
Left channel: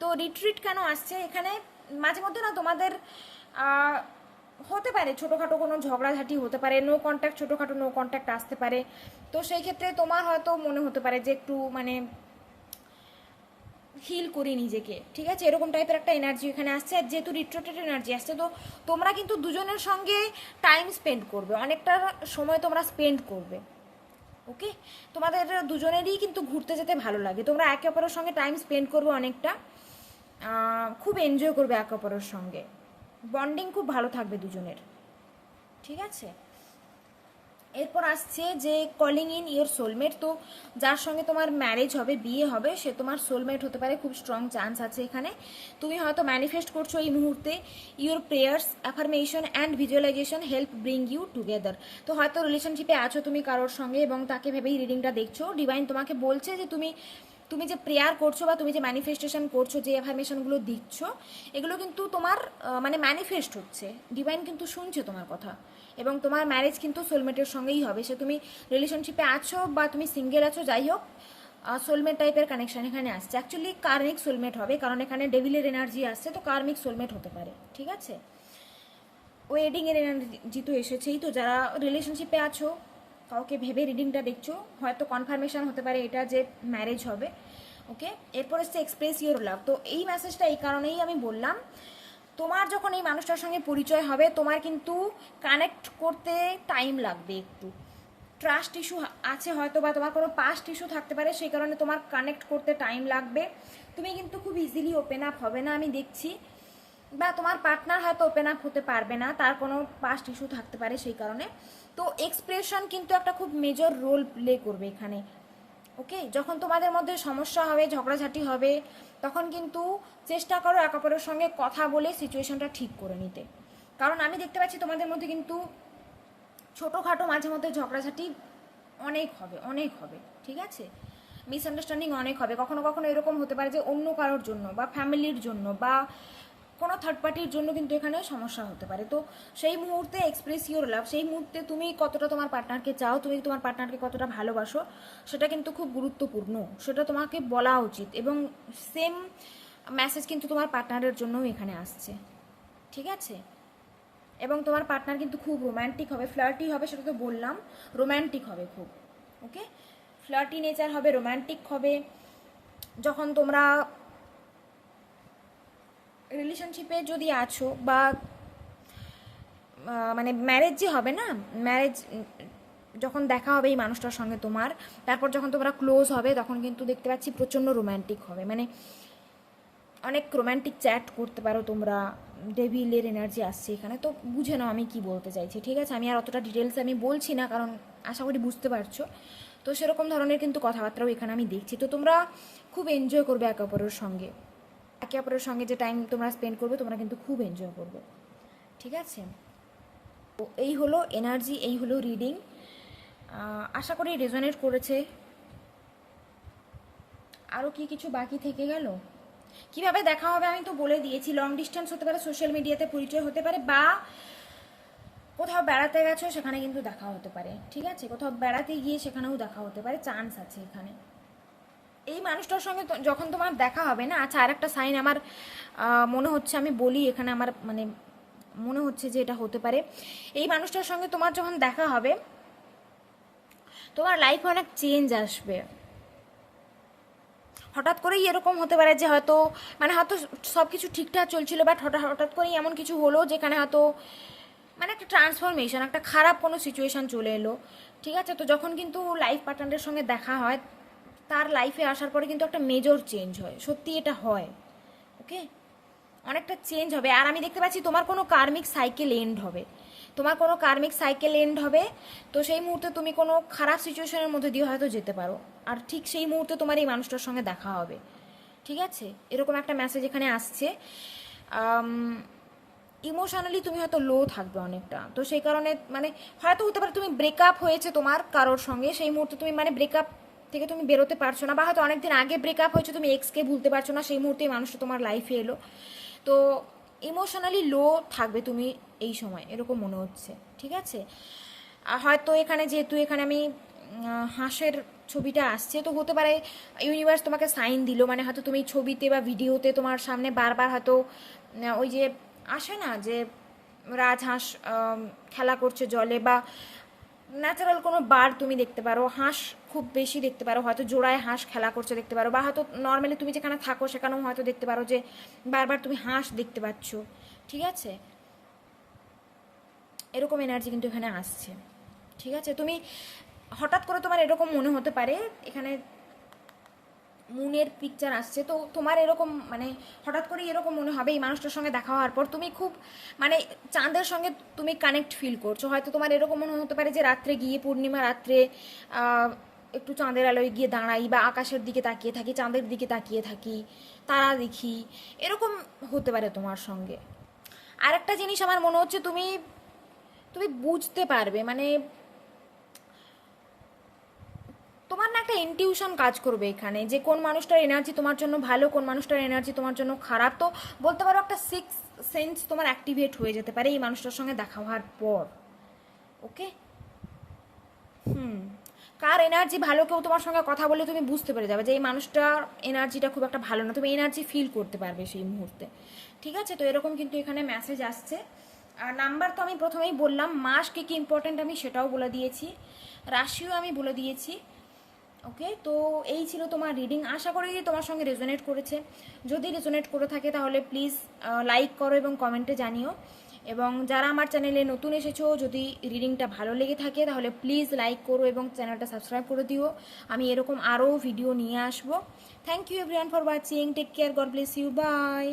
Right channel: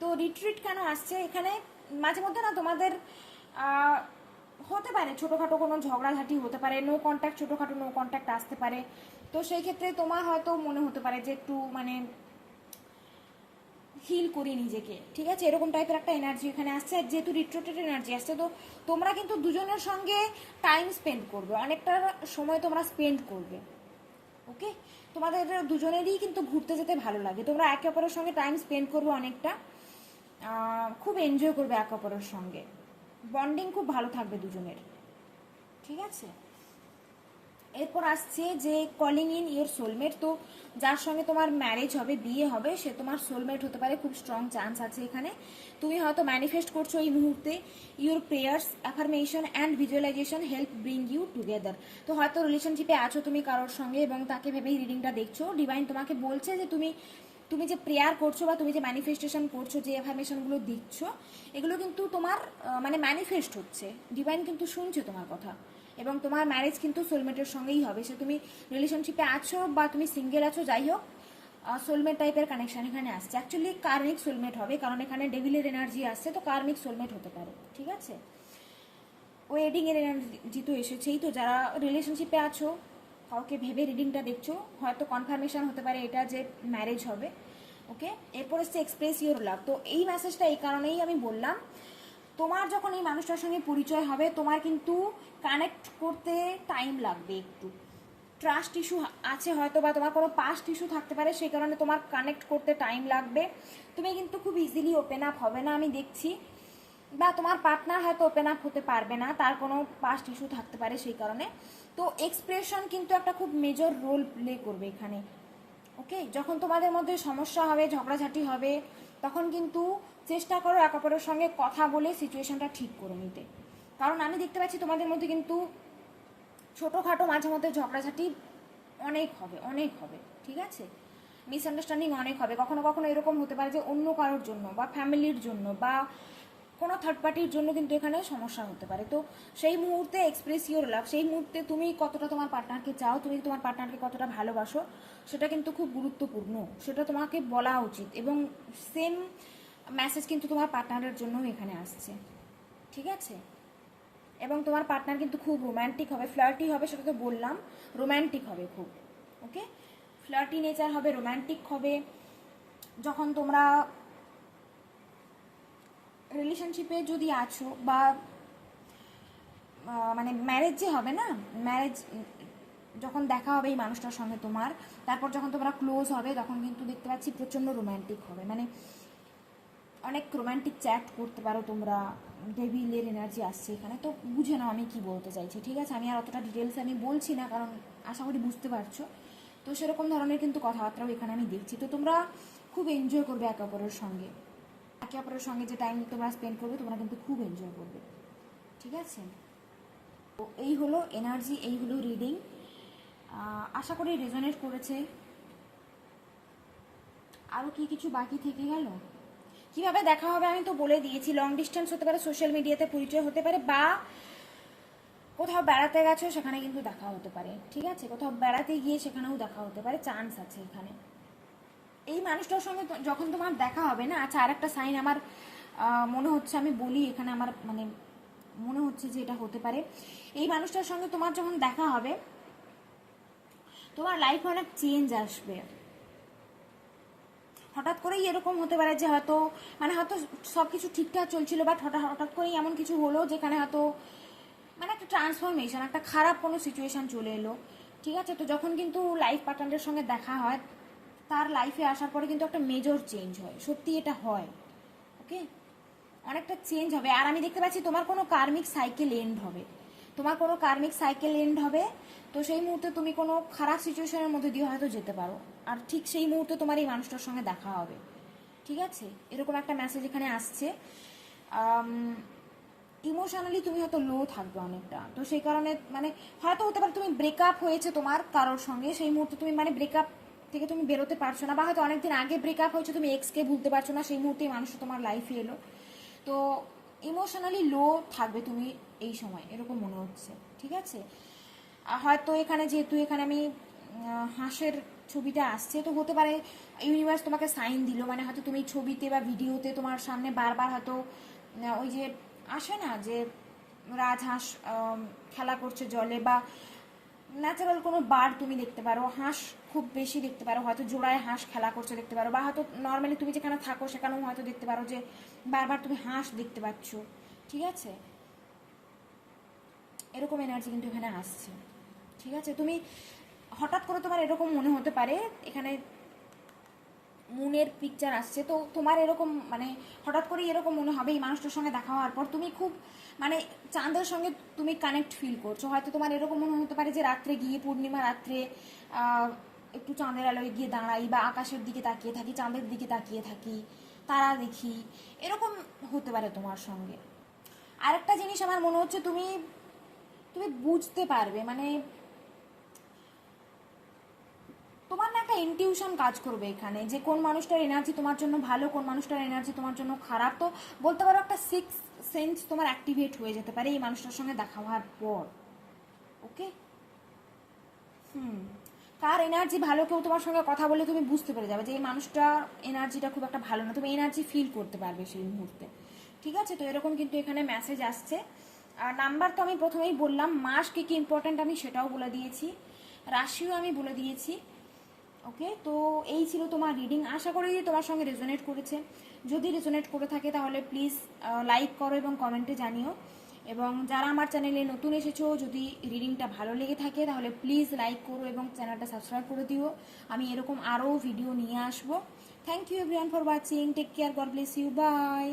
তো রিট্রিট কেন আসছে এখানে, মাঝে মধ্যে না তোমাদের হতে পারে ছোটোখাটো কোনো ঝগড়াঝাটি হতে পারে, নো কন্ট্যাক্ট, ছোটোখাটো নো কন্ট্যাক্ট আসতে পারে। তো সেই ক্ষেত্রে তোমার হয়তো মনে হতে পারে যে একটু মানে হিল করি নিজেকে, ঠিক আছে, এরকম টাইপের একটা এনার্জি এখানে আসছে। আর যেহেতু রিট্রোটেড এনার্জি আসছে, তো তোমরা কিন্তু দুজনের সঙ্গে টাইম স্পেন্ড করবে, অনেকটা সময় তোমরা স্পেন্ড করবে। ওকে, তোমাদের দুজনেরই কিন্তু ঘুরতে যেতে ভালো লাগে, তোমরা একে অপরের সঙ্গে টাইম স্পেন্ড করবে অনেকটা, খুব এনজয় করবে একে অপরের সঙ্গে, বন্ডিং খুব ভালো থাকবে দুজনের, ঠিক আছে। এরপর আসছে যে কলিং ইন ইওর সোলমেট। তো যার সঙ্গে তোমার ম্যারেজ হবে, বিয়ে হবে, সে তোমার সোলমেট হতে পারে, খুব স্ট্রং চান্স আছে এখানে। তুমি হয়তো ম্যানিফেস্ট করছো এই মুহূর্তে, your prayers, affirmation and visualisation help bring you together. তো হয়তো রিলেশনশিপে আছো তুমি কারোর সঙ্গে এবং তাকে ভেবেই রিডিংটা দেখছো, ডিভাইন তোমাকে বলছে যে তুমি যে প্রেয়ার করছো বা তুমি যে ম্যানিফেস্টেশন করছো, যে অ্যাফার্মেশনগুলো দিচ্ছ, এগুলো কিন্তু তোমার মানে ম্যানিফেস্ট হচ্ছে, ডিভাইন কিন্তু শুনছে তোমার কথা। এবং তোমার ম্যারেজ কিন্তু সোলমেটের সঙ্গেই হবে, সে তুমি রিলেশনশিপে আছো বা তুমি সিঙ্গেল আছো, যাই হোক সোলমেট টাইপের কানেকশন এখানে আসছে। অ্যাকচুয়ালি কার্মিক সোলমেট হবে, কারণ এখানে ডেভিলের এনার্জি আসছে, তো কার্মিক সোলমেট হতে পারে, ঠিক আছে। ওয়েডিং এর এনার্জি তো এসেছেই। তো যারা রিলেশনশিপে আছো, কাউকে ভেবে রিডিংটা দেখছো, হয়তো কনফার্মেশন হতে পারে এটা যে ম্যারেজ হবে। ওকে, এরপর হচ্ছে এক্সপ্রেস ইউর লাভ। তো এই মেসেজটা এই কারণেই আমি বললাম, তোমার যখন এই মানুষটার সঙ্গে পরিচয় হবে তোমার কিন্তু কানেক্ট করতে টাইম লাগবে একটু, ট্রাস্ট ইস্যু আছে হয়তো বা তোমার কোনো পাস্ট ইস্যু থাকতে পারে, সেই কারণে তোমার কানেক্ট করতে টাইম লাগবে। তুমি কিন্তু খুব ইজিলি ওপেন আপ হবে না আমি দেখছি, বা তোমার পার্টনার হয়তো ওপেন আপ হতে পারবে না, তার কোনো পাস্ট ইস্যু থাকতে পারে সেই কারণে। তো এক্সপ্রেশন কিন্তু একটা খুব মেজর রোল প্লে করবে এখানে। ওকে, যখন তোমাদের মধ্যে সমস্যা হবে, ঝগড়াঝাটি হবে, তখন কিন্তু চেষ্টা করো এক অপরের সঙ্গে কথা বলে সিচুয়েশনটা ঠিক করে নিতে, কারণ আমি দেখতে পাচ্ছি তোমাদের মধ্যে কিন্তু ছোটোখাটো মাঝে মধ্যে ঝগড়াঝাটি অনেক হবে, অনেক হবে, ঠিক আছে, মিসআন্ডারস্ট্যান্ডিং অনেক হবে। কখনো কখনো এরকম হতে পারে যে অন্য কারোর জন্য বা ফ্যামিলির জন্য বা কোনো থার্ড পার্টির জন্য কিন্তু এখানে সমস্যা হতে পারে। তো সেই মুহূর্তে এক্সপ্রেস ইউর লাভ, সেই মুহূর্তে তুমি কতটা তোমার পার্টনারকে চাও, তুমি তোমার পার্টনারকে কতটা ভালোবাসো, সেটা কিন্তু খুব গুরুত্বপূর্ণ, সেটা তোমাকে বলা উচিত। এবং সেম মেসেজ কিন্তু তোমার পার্টনারের জন্যও এখানে আসছে, ঠিক আছে। এবং তোমার পার্টনার কিন্তু খুব রোম্যান্টিক হবে, ফ্লার্টি হবে, সেটা তো বললাম, রোম্যান্টিক হবে খুব। ওকে, ফ্লার্টি নেচার হবে, রোম্যান্টিক হবে। যখন তোমরা রিলেশনশিপে যদি আছো বা মানে ম্যারেজ যে হবে না, ম্যারেজ যখন দেখা হবে এই মানুষটার সঙ্গে তোমার, তারপর যখন তোমরা ক্লোজ হবে তখন কিন্তু দেখতে পাচ্ছি প্রচণ্ড রোম্যান্টিক হবে, মানে অনেক রোম্যান্টিক চ্যাট করতে পারো তোমরা, ডেভিলের এনার্জি আসছে এখানে। তো বুঝে নাও আমি কি বলতে চাইছি, ঠিক আছে। আমি আর অতটা ডিটেলসে আমি বলছি না, কারণ আশা করি বুঝতে পারছো। তো সেরকম ধরনের কিন্তু কথাবার্তাও এখানে আমি দেখছি। তো তোমরা খুব এনজয় করবে একে অপরের সঙ্গে, একে অপরের সঙ্গে যে টাইম তোমরা স্পেন্ড করবে তোমরা কিন্তু খুব এনজয় করবে, ঠিক আছে। তো এই হলো এনার্জি, এই হলো রিডিং, আশা করি রেজোনেট করেছে। আরও কি কিছু বাকি থেকে গেল? কিভাবে দেখা হবে আমি তো বলে দিয়েছি, লং ডিস্টেন্স হতে পারে, সোশ্যাল মিডিয়াতে পরিচয় হতে পারে, বা কোথাও বেড়াতে গেছো সেখানে কিন্তু দেখা হতে পারে, ঠিক আছে, কোথাও বেড়াতে গিয়ে সেখানেও দেখা হতে পারে, চান্স আছে এখানে। এই মানুষটার সঙ্গে যখন তোমার দেখা হবে না, আচ্ছা আর একটা সাইন আমার মনে হচ্ছে, আমি বলি এখানে আমার মানে মনে হচ্ছে যে এটা হতে পারে, এই মানুষটার সঙ্গে তোমার যখন দেখা হবে তোমার লাইফে অনেক চেঞ্জ আসবে, হঠাৎ করেই এরকম হতে পারে যে হয়তো মানে হয়তো সব কিছু ঠিকঠাক চলছিল, বাট হঠাৎ করেই এমন কিছু হলো যেখানে হয়তো মানে একটা ট্রান্সফরমেশন, একটা খারাপ কোনো সিচুয়েশান চলে এলো। ঠিক আছে, তো যখন কিন্তু লাইফ পার্টনারের সঙ্গে দেখা হয়, তার লাইফে আসার পরে কিন্তু একটা মেজর চেঞ্জ হয়, সত্যি এটা হয়। ওকে, অনেকটা চেঞ্জ হবে। আর আমি দেখতে পাচ্ছি তোমার কোনো কার্মিক সাইকেল এন্ড হবে, তোমার কোনো কার্মিক সাইকেল এন্ড হবে। তো সেই মুহূর্তে তুমি কোনো খারাপ সিচুয়েশনের মধ্যে দিয়ে হয়তো যেতে পারো, আর ঠিক সেই মুহূর্তে তোমার এই মানুষটার সঙ্গে দেখা হবে। ঠিক আছে, এরকম একটা মেসেজ এখানে আসছে। ইমোশনালি তুমি হয়তো লো থাকবে অনেকটা, তো সেই কারণে মানে হয়তো হতে পারে তুমি ব্রেকআপ হয়েছে তোমার কারোর সঙ্গে, সেই মুহূর্তে তুমি মানে ব্রেকআপ থেকে তুমি বেরোতে পারছো না, বা হয়তো অনেকদিন আগে ব্রেকআপ হয়েছে, তুমি এক্সকে ভুলতে পারছো না, সেই মুহূর্তে মানুষটা তোমার লাইফে এলো। তো ইমোশনালি লো থাকবে তুমি এই সময়, এরকম মনে হচ্ছে। ঠিক আছে, আর হয়তো এখানে যেহেতু এখানে আমি হাঁসের ছবিটা আসছে, তো হতে পারে ইউনিভার্স তোমাকে সাইন দিল, মানে হয়তো তুমি ছবিতে বা ভিডিওতে তোমার সামনে বারবার হয়তো ওই যে আসে না যে রাজহাঁস খেলা করছে জলে, বা ন্যাচারাল কোনো বার্ড তুমি দেখতে পারো, হাঁস খুব বেশি দেখতে পারো, হয়তো জোড়ায় হাঁস খেলা করছে দেখতে পারো, বা হয়তো নর্মালি তুমি যেখানে থাকো সেখানেও হয়তো দেখতে পারো যে বারবার তুমি হাঁস দেখতে পাচ্ছ। ঠিক আছে, এরকম এনার্জি কিন্তু এখানে আসছে। ঠিক আছে, তুমি হঠাৎ করে তোমার এরকম মনে হতে পারে, এখানে মুনের পিকচার আসছে, তো তোমার এরকম মানে হঠাৎ করে এরকম মনে হবে এই মানুষটার সঙ্গে দেখা হওয়ার পর তুমি খুব মানে চাঁদের সঙ্গে তুমি কানেক্ট ফিল করছো। হয়তো তোমার এরকম মনে হতে পারে যে রাত্রে গিয়ে পূর্ণিমা রাত্রে একটু চাঁদের আলোয় গিয়ে দাঁড়াই, বা আকাশের দিকে তাকিয়ে থাকি, চাঁদের দিকে তাকিয়ে থাকি, তারা দেখি, এরকম হতে পারে তোমার সঙ্গে। আরেকটা জিনিস আমার মনে হচ্ছে তুমি তুমি বুঝতে পারবে, মানে তোমার না একটা ইনটিউশন কাজ করবে এখানে, যে কোন মানুষটার এনার্জি তোমার জন্য ভালো, কোন মানুষটার এনার্জি তোমার জন্য খারাপ। তো বলতে পারো একটা সিক্স সেন্স তোমার অ্যাক্টিভেট হয়ে যেতে পারে এই মানুষটার সঙ্গে দেখা হওয়ার পর। ওকে, কার এনার্জি ভালো, কেউ তোমার সঙ্গে কথা বলে তুমি বুঝতে পেরে যাবে যে এই মানুষটার এনার্জিটা খুব একটা ভালো না, তুমি এনার্জি ফিল করতে পারবে সেই মুহূর্তে। ঠিক আছে, তো এরকম কিন্তু এখানে মেসেজ আসছে। আর নাম্বার তো আমি প্রথমেই বললাম, মাস কি কি ইম্পর্টেন্ট আমি সেটাও বলে দিয়েছি, রাশিও আমি বলে দিয়েছি। ওকে, তো এই ছিল তোমার রিডিং, আশা করি তোমার সঙ্গে রেজোনেট করেছে। যদি রেজোনেট করে থাকে তাহলে প্লিজ লাইক করো এবং কমেন্টে জানিও। এবং যারা আমার চ্যানেলে নতুন এসেছো, যদি রিডিংটা ভালো লেগে থাকে তাহলে প্লিজ লাইক করো এবং চ্যানেলটা সাবস্ক্রাইব করে দিও, আমি এরকম আরও ভিডিও নিয়ে আসবো। Thank you everyone for watching, take care, God bless you, bye.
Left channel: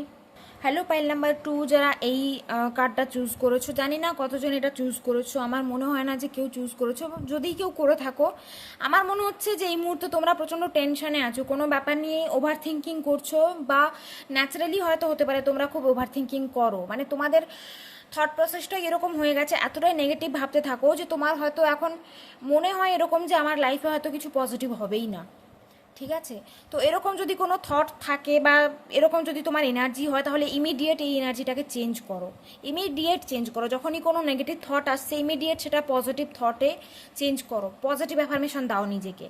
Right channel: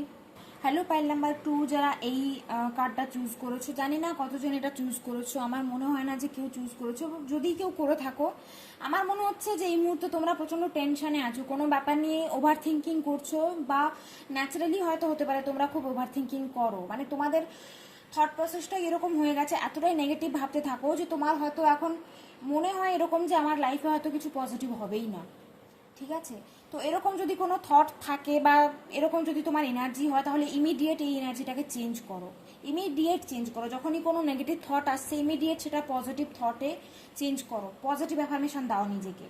Hello pile number 2, যারা এই কার্ডটা চুজ করেছো, জানি না কতজন এটা চুজ করেছো, আমার মনে হয় না যে কেউ চুজ করেছো। যদি কেউ করে থাকো, আমার মনে হচ্ছে যে এই মুহূর্তে তোমরা প্রচণ্ড টেনশনে আছো, কোনো ব্যাপার নিয়ে ওভার থিঙ্কিং করছো, বা ন্যাচারালি হয়তো হতে পারে তোমরা খুব ওভার থিঙ্কিং করো, মানে তোমাদের থট প্রসেসটা এরকম হয়ে গেছে, এতটাই নেগেটিভ ভাবতে থাকো যে তোমার হয়তো এখন মনে হয় এরকম যে আমার লাইফে হয়তো কিছু পজিটিভ হবেই না। ঠিক আছে, তো এরকম যদি কোনো থট থাকে বা এরকম যদি তোমার এনার্জি হয়, তাহলে ইমিডিয়েট এই এনার্জিটাকে চেঞ্জ করো, ইমিডিয়েট চেঞ্জ করো। যখনই কোনো নেগেটিভ থট আসছে, ইমিডিয়েট সেটা পজিটিভ থটে চেঞ্জ করো, পজিটিভ অ্যাফার্মেশন দাও নিজেকে।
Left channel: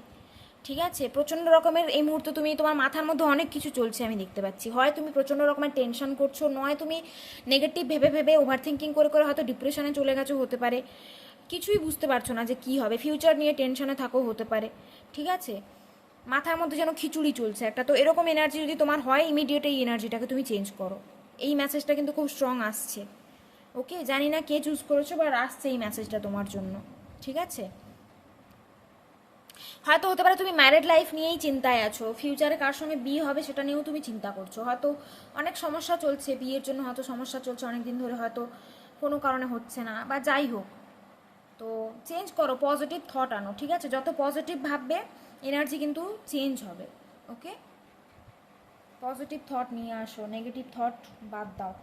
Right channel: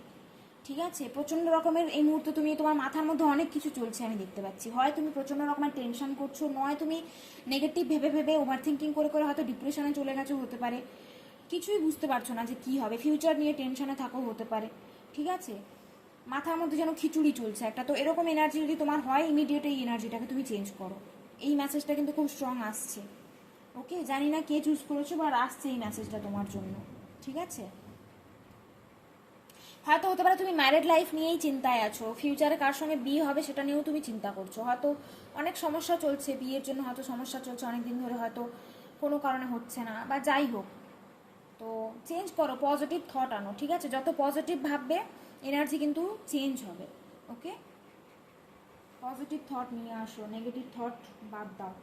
ঠিক আছে, প্রচণ্ড রকমের এই মুহূর্তে তুমি, তোমার মাথার মধ্যে অনেক কিছু চলছে আমি দেখতে পাচ্ছি, হয় তুমি প্রচণ্ড রকমের টেনশন করছো, নয় তুমি নেগেটিভ ভেবে ভেবে ওভার থিঙ্কিং করে করে হয়তো ডিপ্রেশনে চলে গেছো, হতে পারে কিছুই বুঝতে পারছো না যে কী হবে, ফিউচার নিয়ে টেনশনে থাকো, হতে পারে। ঠিক আছে, মাথার মধ্যে যেন খিচুড়ি চলছে একটা, তো এরকম এনার্জি যদি তোমার হয়, ইমিডিয়েট এই এনার্জিটাকে তুমি চেঞ্জ করো। এই মেসেজটা কিন্তু খুব স্ট্রং আসছে। ওকে, জানি না কে চুজ করেছো, বা আসছে এই মেসেজটা তোমার জন্য। ঠিক আছে, হয়তো হতে পারে তুমি ম্যারিড লাইফ নিয়েই চিন্তায় আছো, ফিউচারে কার সঙ্গে বিয়ে হবে সেটা নিয়েও তুমি চিন্তা করছো, হয়তো অনেক সমস্যা চলছে বিয়ের জন্য, হয়তো সমস্যা চলছে অনেক দিন ধরে, হয়তো কোনো কারণে হচ্ছে না, বা যাই হোক। তো চেঞ্জ করো, পজিটিভ থট আনো। ঠিক আছে, যত পজিটিভ ভাববে এনার্জি কিন্তু চেঞ্জ হবে। ওকে, পজিটিভ থট নিয়ে আসো, নেগেটিভ থট বাদ দাও।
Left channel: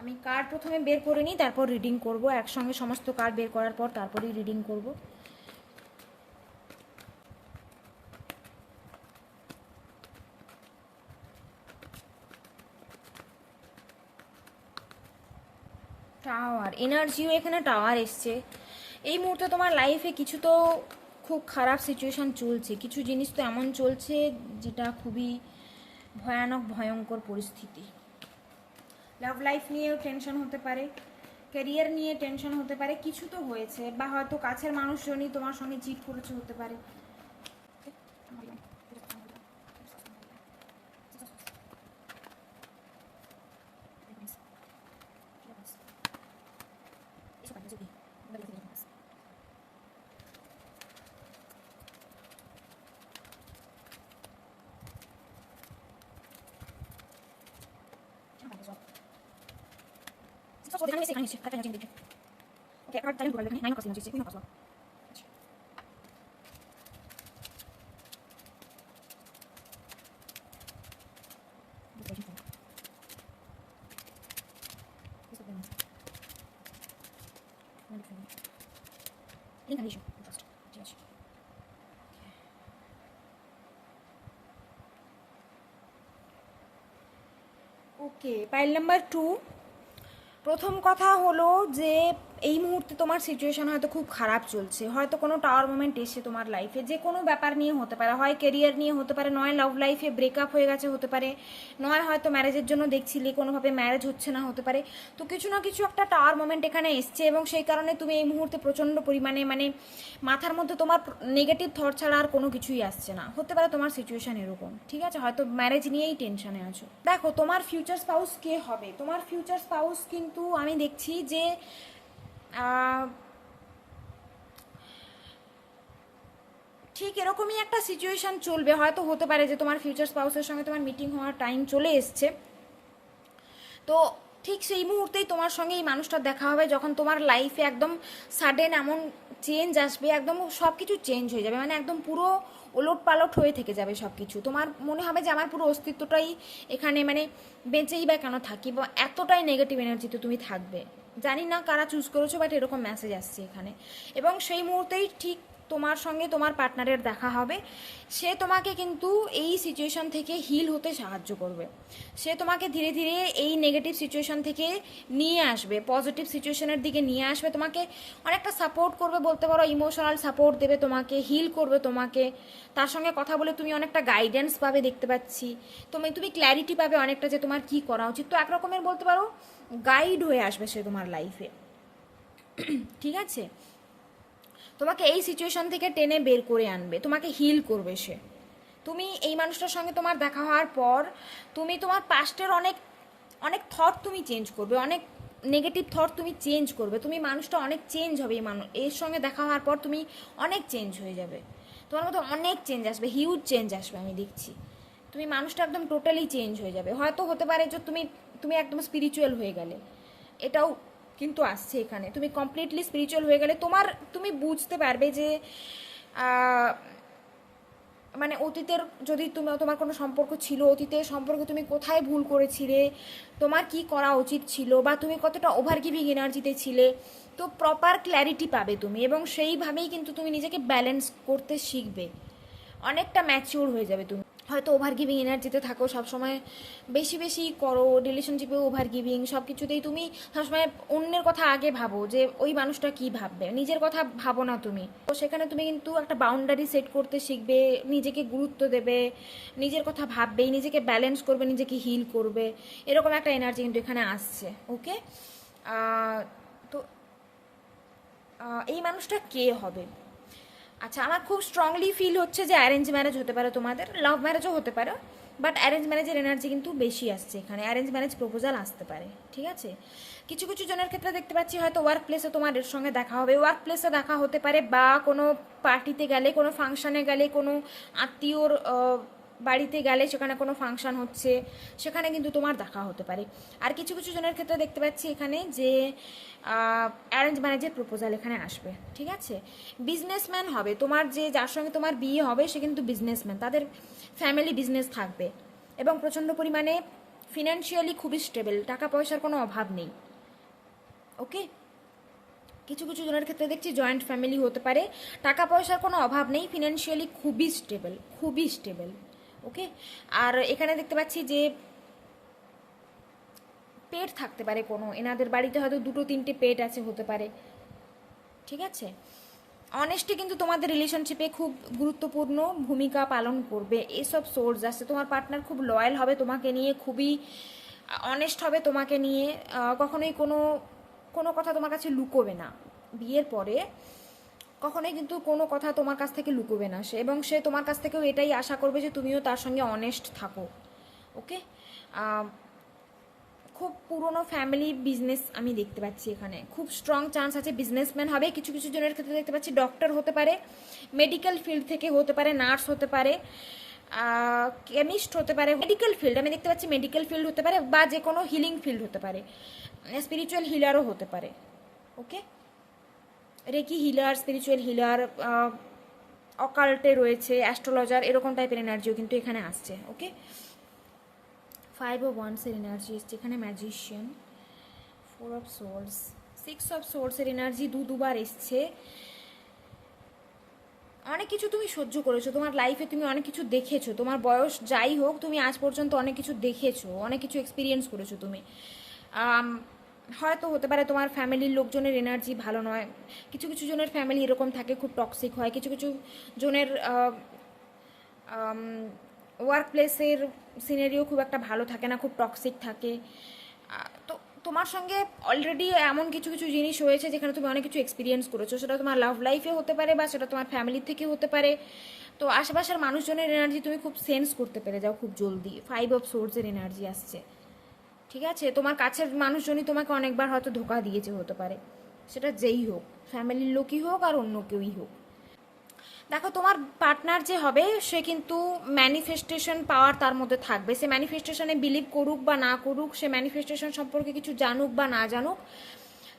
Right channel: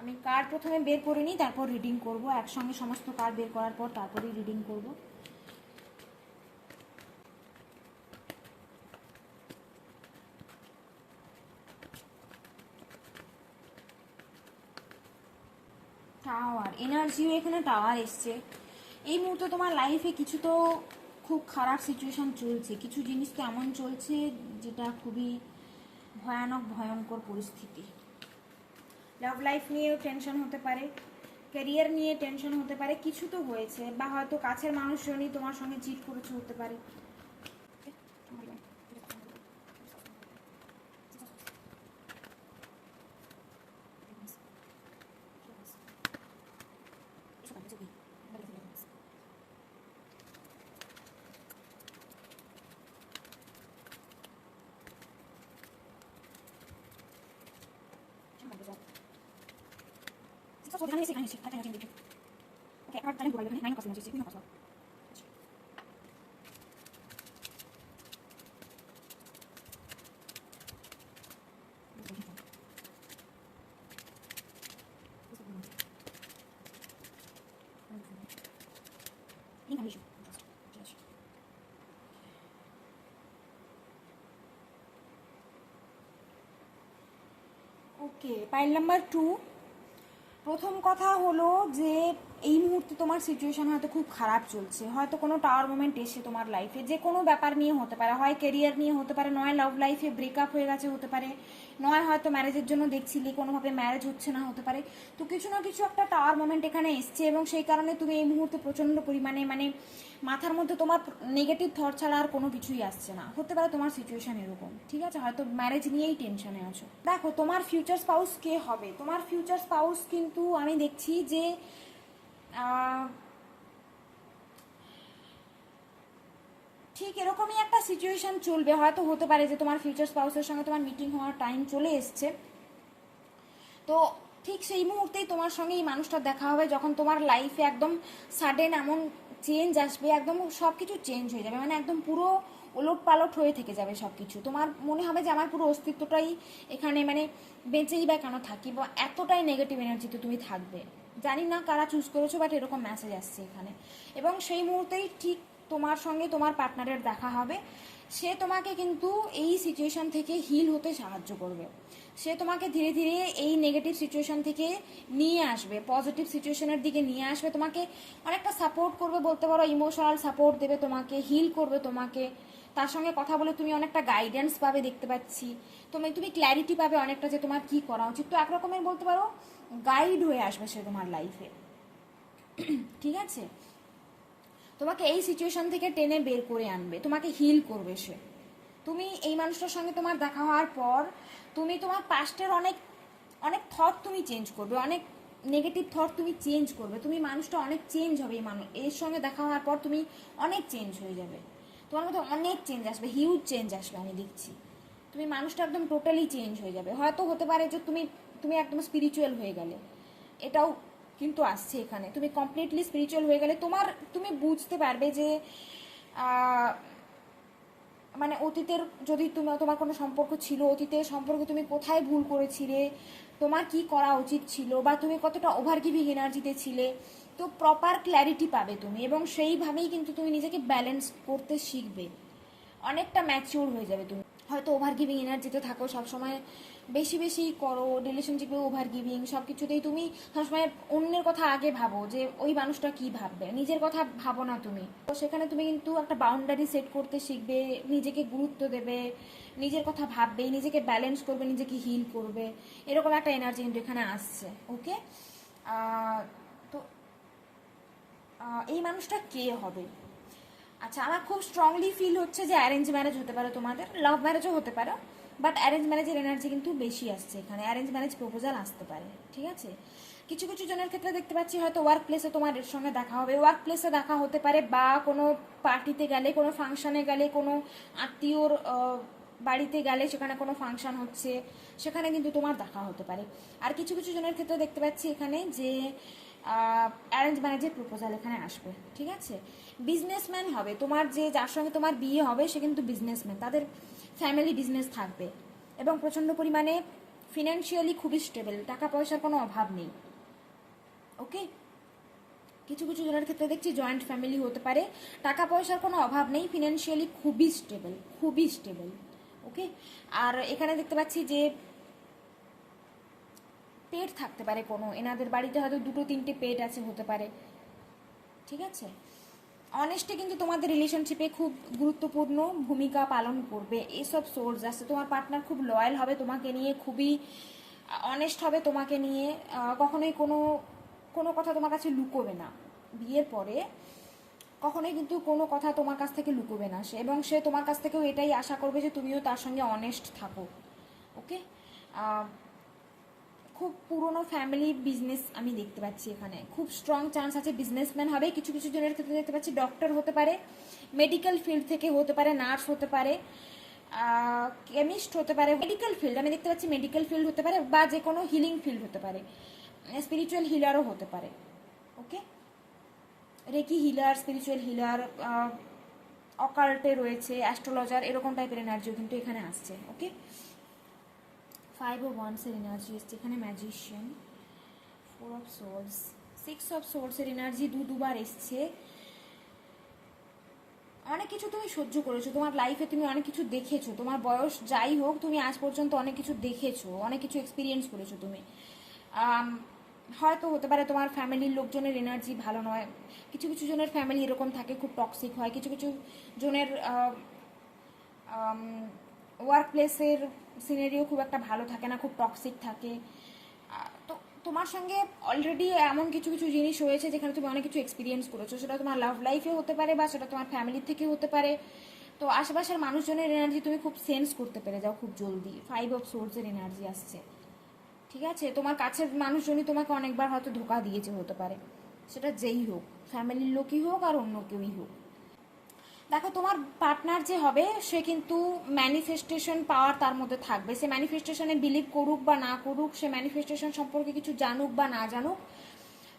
আমি কার্ড প্রথমে বের করে নিই, তারপর রিডিং করব, একসঙ্গে সমস্ত কার্ড বের করার পর তারপরেই রিডিং করব। টাওয়ার এনার্জিও এখানে টাওয়ার এসছে। এই মুহূর্তে তোমার লাইফে কিছু তো খুব খারাপ সিচুয়েশান চলছে, কিছু জিনিস তো এমন চলছে যেটা খুবই ভয়ানক ভয়ঙ্কর পরিস্থিতি। লাভ লাইফ নিয়েও টেনশন হতে পারে, ক্যারিয়ার নিয়ে টেনশন হতে পারে, কিছু তো হয়েছে, বা হয়তো কাছের মানুষজনই তোমার সঙ্গে চিট করেছে, হতে পারে। যেখানে এসে এখানে এসে একটা এনার্জি দেখবে। ওকে একটা ট্যালেন্ট প্রোভাইড এখানে 9 কাজ এনার্জি বিভিন্ন কাজ। Incarnation. Trust. ঠিক আছে। ওকে, পাইল নাম্বার 2। প্রথম কথা হলো যে এই মুহূর্তে তোমার সিচুয়েশন হয়তো খুব খারাপ চলছে, হয়তো কোনো টাওয়ার মোমেন্ট এসছে তোমার লাইফে, যে কোনো ব্যাপার নিয়ে হতে পারে, হয় কেরিয়ার নিয়ে হতে পারে, নয় লাভ লাইফে ব্রেকআপ হয়ে গেছে হতে পারে, নয় হয়তো ম্যারেজের জন্য দেখছিলে কোনোভাবে ম্যারেজ হচ্ছে না হতে পারে। তো কিছু না কিছু একটা টাওয়ার মোমেন্ট এখানে এসছে এবং সেই কারণে তুমি এই মুহূর্তে প্রচণ্ড পরিমাণে মানে মাথার মধ্যে তোমার নেগেটিভ থট ছাড়া আর কোনো কিছুই আসছে না। হতে পারে তোমার সিচুয়েশন এরকম, ঠিক আছে, হয়তো ম্যারেজ নিয়েই টেনশনে আছো। দেখো তোমার ফিউচার স্পাউস কে হবে, তোমার ফিউচার স্পাউস কিন্তু আমি দেখছি যে ঠিক এরকমই একটা সিচুয়েশন চলবে। হয়তো হতে পারে যে তোমার ফিউচার স্পাউসের সঙ্গে তোমার মিটিং হওয়ার টাইম চলে এসছে, তো ঠিক সেই মুহূর্তেই তোমার সঙ্গে এই মানুষটার দেখা হবে যখন তোমার লাইফে একদম সাডেন এমন চেঞ্জ আসবে, একদম সব কিছু চেঞ্জ হয়ে যাবে, মানে একদম পুরো ওলট পালট হয়ে থেকে যাবে সব কিছু। তোমার মনে হবে যে আমার পুরো অস্তিত্বটাই এখানে মানে বেঁচেই বা কেন থাকি, বা এতটাই নেগেটিভ এনার্জিতে তুমি থাকবে। জানি না কারা চুজ করেছো, বাট এরকম মেসেজ আসছে এখানে। এবং সেই মুহূর্তেই ঠিক তোমার সঙ্গে তোমার পার্টনারের দেখা হবে। সে তোমাকে কিন্তু এই সিচুয়েশন থেকে হিল হতে সাহায্য করবে। সে তোমাকে ধীরে ধীরে এই নেগেটিভ সিচুয়েশন থেকে নিয়ে আসবে, পজিটিভ সিচুয়েশনের দিকে নিয়ে আসবে, তোমাকে অনেকটা সাপোর্ট করবে বলতে পারো, ইমোশনাল সাপোর্ট দেবে তোমাকে, হিল করবে তোমাকে। তার সঙ্গে কথা বলে তুমি অনেকটা গাইডেন্স পাবে দেখতে পাচ্ছি, তুমি ক্ল্যারিটি পাবে অনেকটা যে তোমার কি করা উচিত। তো একরকমের বলতে পারো গাইড হয়ে আসবে সে তোমার লাইফে, ঠিক আছে। তোমাকে এই সিচুয়েশন থেকে টেনে বের করে আনবে, তোমাকে হিল করবে সে। তুমি এই মানুষটার সঙ্গে তোমার দেখা হওয়ার পর তুমি তোমার পাস্টের অনেক অনেক থট তুমি চেঞ্জ করবে, অনেক নেগেটিভ থট তুমি চেঞ্জ করবে, তুমি মানুষটা অনেক চেঞ্জ হবে। এই এর সঙ্গে দেখা হওয়ার পর তুমি অনেক চেঞ্জ হয়ে যাবে, তোমার মধ্যে অনেক চেঞ্জ আসবে, হিউজ চেঞ্জ আসবে। আমি দেখছি তুমি মানুষটা একদম টোটালি চেঞ্জ হয়ে যাবে। হয়তো হতে পারে যে তুমি একদম স্পিরিচুয়াল হয়ে গেলে, এটাও কিন্তু আসছে এখানে। তুমি কমপ্লিটলি স্পিরিচুয়াল হয়ে গেলে তুমি বুঝতে পারবে যে মানে অতীতের যদি তোমার কোনো সম্পর্ক ছিল, অতীতের সম্পর্কে তুমি কোথায় ভুল করেছিলে, তোমার কি করা উচিত ছিল, বা তুমি কতটা ওভার গিভিং এনার্জিতে ছিলে, তো প্রপার ক্ল্যারিটি পাবে তুমি। এবং সেইভাবেই কিন্তু তুমি নিজেকে ব্যালেন্স করতে শিখবে, অনেকটা ম্যাচিওর হয়ে যাবে তুমি। হয়তো ওভার গিভিং এনার্জিতে থাকো সবসময়, বেশি বেশি করো রিলেশনশিপে, ওভার গিভিং সব কিছুতেই তুমি সবসময় অন্যের কথা আগে ভাবো যে ওই মানুষটা কি ভাববে, নিজের কথা ভাবো না তুমি। তো সেখানে তুমি কিন্তু একটা বাউন্ডারি সেট করতে শিখবে, নিজেকে গুরুত্ব দেবে, নিজের কথা ভাববে, নিজেকে ব্যালেন্স করবে, নিজেকে হিল করবে, এরকম একটা এনার্জি কিন্তু এখানে আসছে। ওকে, তো এই মানুষটা কে হবে? আচ্ছা, আমার খুব স্ট্রংলি ফিল হচ্ছে যে অ্যারেঞ্জ ম্যারেজ হতে পারে তোমাদের, লাভ ম্যারেজও হতে পারে, বাট অ্যারেঞ্জ ম্যারেজের এনার্জি কিন্তু বেশি আসছে এখানে। অ্যারেঞ্জ ম্যারেজ প্রপোজাল আসতে পারে, ঠিক আছে। কিছু কিছু জনের ক্ষেত্রে দেখতে পাচ্ছি হয়তো ওয়ার্ক প্লেসে তোমার এর সঙ্গে দেখা হবে, ওয়ার্ক প্লেসে দেখা হতে পারে, বা কোনো পার্টিতে গেলে, কোনো ফাংশানে গেলে, কোনো আত্মীয়র বাড়িতে গেলে, সেখানে কোনো ফাংশন হচ্ছে, সেখানে কিন্তু তোমার দেখা হতে পারে। আর কিছু কিছু জনের ক্ষেত্রে দেখতে পাচ্ছি এখানে যে অ্যারেঞ্জ ম্যারেজের প্রপোজাল এখানে আসবে, ঠিক আছে। বিজনেসম্যান হবে তোমার, যার সঙ্গে তোমার বিয়ে হবে সে কিন্তু বিজনেসম্যান, তাদের ফ্যামিলি বিজনেস থাকবে এবং প্রচণ্ড পরিমাণে ফিনান্সিয়ালি খুবই স্টেবল, টাকা পয়সার কোনো অভাব নেই। ওকে, কিছু কিছু জনের ক্ষেত্রে দেখছি জয়েন্ট ফ্যামিলি হতে পারে, টাকা পয়সার কোনো অভাব নেই, ফিনান্সিয়ালি খুবই স্টেবল, খুবই স্টেবল। ওকে, আর এখানে দেখতে পাচ্ছি যে পেট থাকতে পারে কোনো, এনাদের বাড়িতে হয়তো 2-3টে পেট আছে হতে পারে, ঠিক আছে। অনেস্টি কিন্তু তোমাদের রিলেশনশিপে খুব গুরুত্বপূর্ণ ভূমিকা পালন করবে, এসব সোর্স আসছে। তোমার পার্টনার খুব লয়াল হবে তোমাকে নিয়ে, খুবই অনেস্ট হবে তোমাকে নিয়ে, কখনোই কোনো কোনো কথা তোমার কাছে লুকোবে না। বিয়ের পরে কখনোই কিন্তু কোনো কথা তোমার কাছ থেকে লুকোবে না সে, এবং সে তোমার কাছ থেকেও এটাই আশা করবে যে তুমিও তার সঙ্গে অনেস্ট থাকো। ওকে, খুব পুরনো ফ্যামিলি বিজনেস আমি দেখতে পাচ্ছি এখানে, খুব স্ট্রং চান্স আছে বিজনেসম্যান হবে। কিছু কিছু জনের ক্ষেত্রে দেখতে পাচ্ছি ডক্টর হতে পারে, মেডিকেল ফিল্ড থেকে হতে পারে, নার্স হতে পারে, কেমিস্ট হতে পারে, মেডিকেল ফিল্ড আমি দেখতে পাচ্ছি, মেডিকেল ফিল্ড হতে পারে, বা যে কোনো হিলিং ফিল্ড হতে পারে। স্পিরিচুয়াল হিলারও হতে পারে। ওকে, রেকি হিলার, স্পিরিচুয়াল হিলার, অকাল্টে রয়েছে, অ্যাস্ট্রোলজার, এরকম টাইপের এনার্জিও কিন্তু এখানে আসছে। ওকে, 5 অফ ওয়ান্সের এনার্জি এসছে এখানে, ম্যাজিশিয়ান, 4 অফ সোর্স, 6 অফ সোর্সের এনার্জি দুবার এসছে। অনেক কিছু তুমি সহ্য করেছো, তোমার লাইফে তুমি অনেক কিছু দেখেছো, তোমার বয়স যাই হোক তুমি আজ পর্যন্ত অনেক কিছু দেখেছো, অনেক কিছু এক্সপিরিয়েন্স করেছো তুমি। হয়তো হতে পারে তোমার ফ্যামিলির লোকজনের এনার্জি ভালো নয়, কিছু কিছু জনের ফ্যামিলি এরকম থাকে, খুব টক্সিক হয়, কিছু কিছু জনের ওয়ার্ক প্লেসের সিনারিও খুব একটা ভালো থাকে না, খুব টক্সিক থাকে। তো তোমার সঙ্গে অলরেডি এমন কিছু কিছু জিনিস হয়েছে যেখানে তুমি অনেক কিছু এক্সপিরিয়েন্স করেছো, সেটা তোমার লাভ লাইফে হতে পারে বা সেটা তোমার ফ্যামিলি থেকে হতে পারে। তো আশেপাশের মানুষজনের এনার্জি তুমি খুব সেন্স করতে পেরে যাও খুব জলদি। 5 অফ সোর্সের এনার্জি আসছে, ঠিক আছে। তোমার কাছের মানুষজনই তোমাকে অনেকবার হয়তো ধোকা দিয়েছে হতে পারে, সেটা যেই হোক, ফ্যামিলির লোকই হোক আর অন্য কেউই হোক। দেখো তোমার পার্টনার যে হবে সে কিন্তু ম্যানিফেস্টেশন পাওয়ার তার মধ্যে থাকবে, সে ম্যানিফেস্টেশনে বিলিভ করুক বা না করুক, সে ম্যানিফেস্টেশন সম্পর্কে কিছু জানুক বা না জানুক,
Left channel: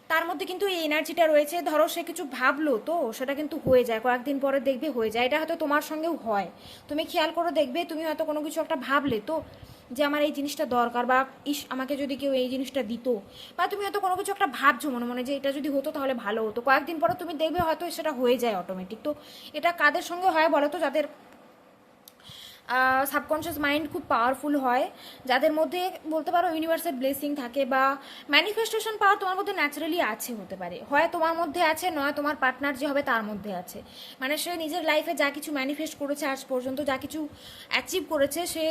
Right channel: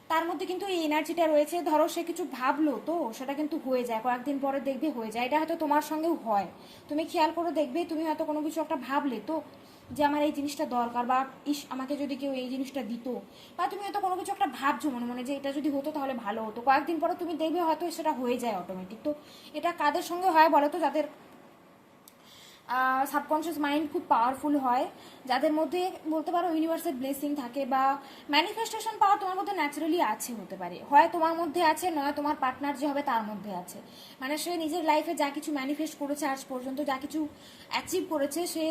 তার মধ্যে কিন্তু এই এনার্জিটা রয়েছে। ধরো সে কিছু ভাবলো তো সেটা কিন্তু হয়ে যায়, কয়েকদিন পরে দেখবে হয়ে যায়। এটা হয়তো তোমার সঙ্গেও হয়, তুমি খেয়াল করে দেখবে, তুমি হয়তো কোনো কিছু একটা ভাবলে তো যে আমার এই জিনিসটা দরকার, বা ইস আমাকে যদি কেউ এই জিনিসটা দিত, বা তুমি হয়তো কোনো কিছু একটা ভাবছো মনে মনে যে এটা যদি হতো তাহলে ভালো হতো, কয়েকদিন পরে তুমি দেখবে হয়তো সেটা হয়ে যায় অটোমেটিক। তো এটা কাদের সঙ্গে হয় বলো তো? যাদের সাবকনশিয়াস মাইন্ড খুব পাওয়ারফুল হয়, যাদের মধ্যে বলতে পারো ইউনিভার্সাল ব্লেসিং থাকে, বা ম্যানিফেস্টেশন পাওয়ার তোমার মধ্যে ন্যাচারালি আছে হতে পারে, হয় তোমার মধ্যে আছে নয় তোমার পার্টনার যে হবে তার মধ্যে আছে। মানে সে নিজের লাইফে যা কিছু ম্যানিফেস্ট করেছে আজ পর্যন্ত, যা কিছু অ্যাচিভ করেছে, সে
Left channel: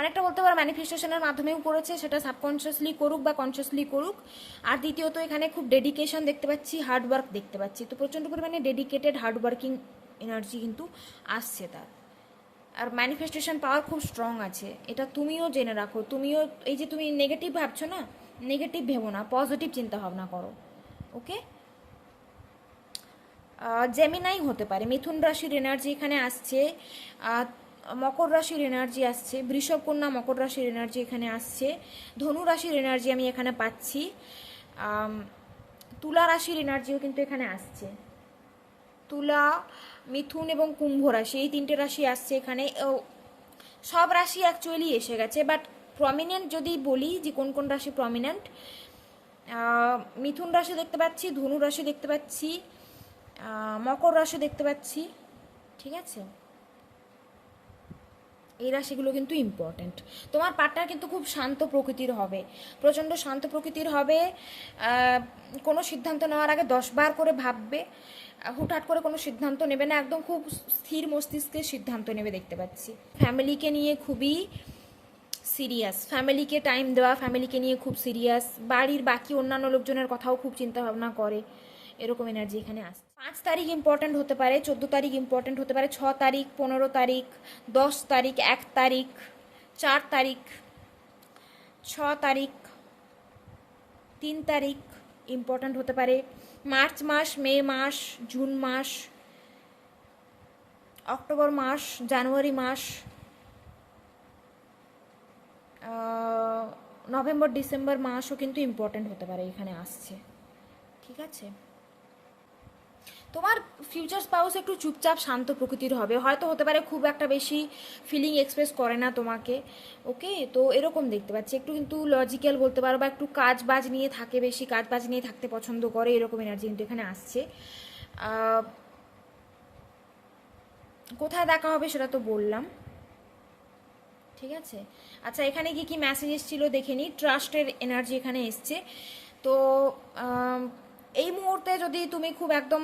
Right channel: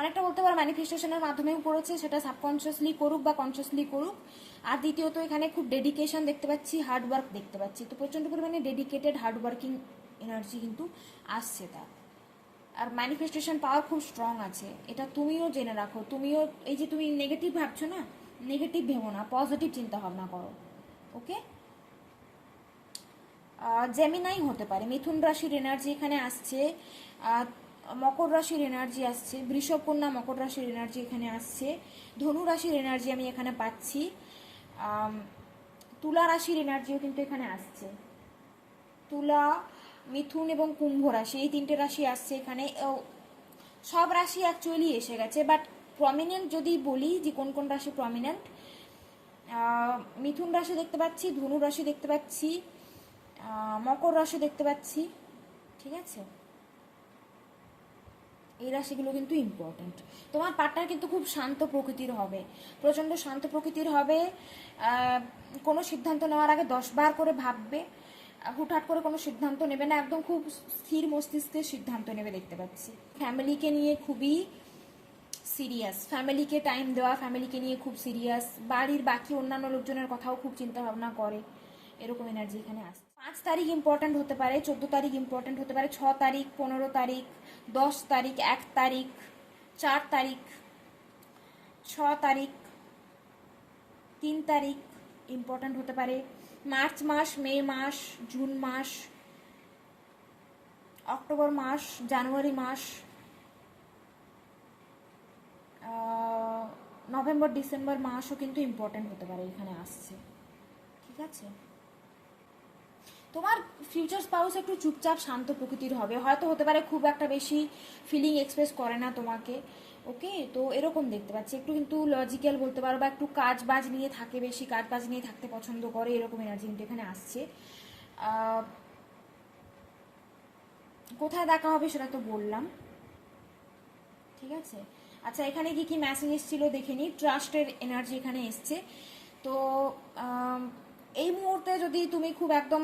অনেকটা বলতে পারো ম্যানিফেস্টেশনের মাধ্যমেও করেছে, সেটা সাবকনশিয়াসলি করুক বা কনসিয়াসলি করুক। আর দ্বিতীয়ত এখানে খুব ডেডিকেশন দেখতে পাচ্ছি, হার্ডওয়ার্ক দেখতে পাচ্ছি, তো প্রচণ্ড পরিমাণে ডেডিকেটেড হার্ডওয়ার্কিং এনার্জি কিন্তু আসছে তার। আর ম্যানিফেস্টেশন পাওয়ার খুব স্ট্রং আছে, এটা তুমিও জেনে রাখো। তুমিও এই যে তুমি নেগেটিভ ভাবছো না, নেগেটিভ ভেবো না, পজিটিভ চিন্তা ভাবনা করো। ওকে, জেমিনাই হতে পারে, মিথুন রাশির এনার্জি এখানে আসছে, মকর রাশির এনার্জি আসছে, বৃষভ কন্যা মকর রাশির এনার্জি এখানে আসছে, ধনু রাশির এনার্জি আমি এখানে পাচ্ছি, তুলা রাশির এনার্জিও কিন্তু এখানে আসছে। তুলা, মিথুন এবং কুম্ভ রাশি, এই তিনটে রাশি আসছে এখানে। সব রাশি অ্যাকচুয়ালি এসে গেছে, বাট প্রমিনেন্ট যদি বলি যে কোন কোন রাশি প্রমিনেন্ট, মিথুন রাশি দেখতে পাচ্ছি, ধনু রাশি দেখতে পাচ্ছি, মকর রাশি দেখতে পাচ্ছি, ঠিক আছে। এই রাশিগুলো কিন্তু ইম্পর্ট্যান্ট। তোমার পার্টনার কিন্তু খুব শান্ত প্রকৃতির হবে, প্রচণ্ড শান্ত প্রকৃতির হবে। কোনো সিদ্ধান্ত নেওয়ার আগে 10 বার করে ভাববে, হুটহাট করে কোনো সিদ্ধান্ত নেবে না, একদম খুব স্থির মস্তিষ্কের সিদ্ধান্ত নেবে দেখতে পাচ্ছি। ফ্যামিলিকে নিয়ে খুবই সিরিয়াস, ফ্যামিলিকে টাইম দেওয়া, ফ্যামিলিকে নিয়ে খুব সিরিয়াস, বাড়ির বাকি অন্যান্য লোকজনের কথাও খুব চিন্তা ভাবনা করে, এরকম এনার্জি এখানে আসছে। 5 তারিখ ইম্পর্ট্যান্ট হতে পারে, 14 তারিখ ইম্পর্ট্যান্ট হতে পারে, 6 তারিখ, 15 তারিখ, 10 তারিখ, 1 তারিখ, 4 তারিখ, 6 তারিখ, 3 তারিখ ইম্পর্ট্যান্ট হতে পারে। মার্চ মাস, মে মাস, জুন মাস, অক্টোবর মাস, জানুয়ারি মাস, নভেম্বর ডিসেম্বর মাসও কিন্তু ইম্পর্ট্যান্ট হতে পারে এখানে আসছে, ঠিক আছে। তোমার ফিউচার স্পাউস একটু চুপচাপ শান্ত প্রকৃতির হবে, হয়তো হতে পারে খুব একটা বেশি ফিলিং এক্সপ্রেস করে না তোমাকে। ওকে, তো এরকম দেখতে পাচ্ছি, একটু কিন্তু লজিক্যাল বলতে পারো, বা একটু কাজ বাজ নিয়ে থাকে, বেশি কাজ বাজ নিয়ে থাকতে পছন্দ করে, এরকম এনার্জি কিন্তু এখানে আসছে। কোথায় দেখা হবে সেটা তো বললাম, ঠিক আছে। আচ্ছা, এখানে কি কি মেসেজ এসেছিল দেখে নিই। ট্রাস্টের এনার্জি এখানে এসছে। তো এই মুহূর্তে যদি তুমি খুব একদম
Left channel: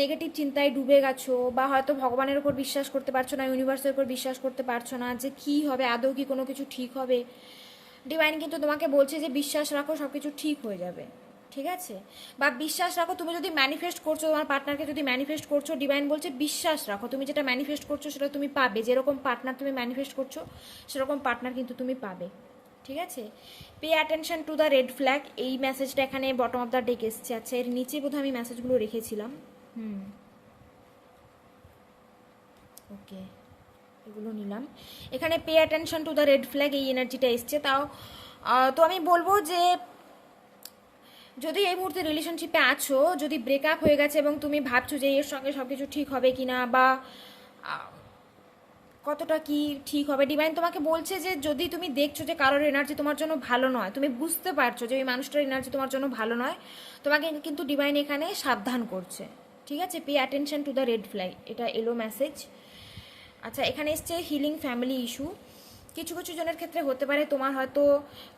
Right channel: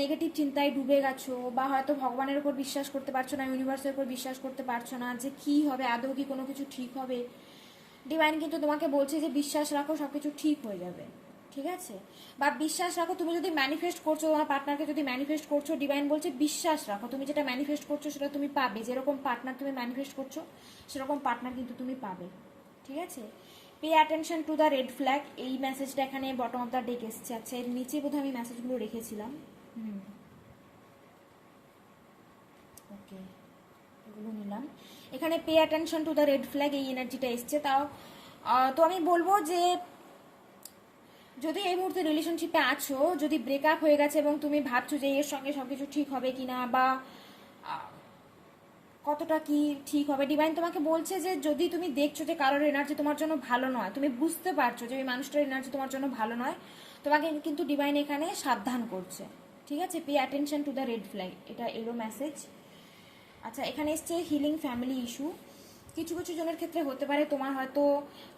নেগেটিভ চিন্তায় ডুবে গেছো, বা হয়তো ভগবানের উপর বিশ্বাস করতে পারছো না, ইউনিভার্সের উপর বিশ্বাস করতে পারছো না যে কী হবে, আদৌ কি কোনো কিছু ঠিক হবে, ডিভাইন কিন্তু তোমাকে বলছে যে বিশ্বাস রাখো, সব কিছু ঠিক হয়ে যাবে, ঠিক আছে। বা বিশ্বাস রাখো, তুমি যদি ম্যানিফেস্ট করছো, তোমার পার্টনারকে যদি ম্যানিফেস্ট করছো, ডিভাইন বলছে বিশ্বাস রাখো, তুমি যেটা ম্যানিফেস্ট করছো সেটা তুমি পাবে, যেরকম পার্টনার তুমি ম্যানিফেস্ট করছো সেরকম পার্টনার কিন্তু তুমি পাবে, ঠিক আছে। Pay attention to the red flag, এই মেসেজটা এখানে বটম অফ দ্য ডেক এসছে। আচ্ছা, এর নিচে বোধহয় আমি মেসেজগুলো রেখেছিলাম। ওকে, এগুলো নিলাম। এখানে pay attention to the red flag, এই এনার্জিটা এসছে। তাও তো আমি বলবো যে যদি এই মুহূর্তে রিলেশনশিপে আছো, যদি ব্রেকআপ হয়ে গেছে এবং তুমি ভাবছো যে এর সঙ্গে সব কিছু ঠিক হবে কিনা বা আহ, কতটা কি ঠিক হবে, ডিভাইন তোমাকে বলছে যে যদি তুমি দেখছো যে কারোর এনার্জি তোমার জন্য ভালো নয়, তুমি বুঝতে পারছো যে ওই মানুষটার এনার্জি তোমার জন্য ভালো নয়, তোমাকে কিন্তু ডিভাইন এখানে সাবধান করছে। ঠিক আছে, pay attention to the red flag, এটা এলো মেসেজ। আচ্ছা, এখানে এসছে হিলিং ফ্যামিলি ইস্যু। কিছু কিছু জনের ক্ষেত্রে হতে পারে তোমার হয়তো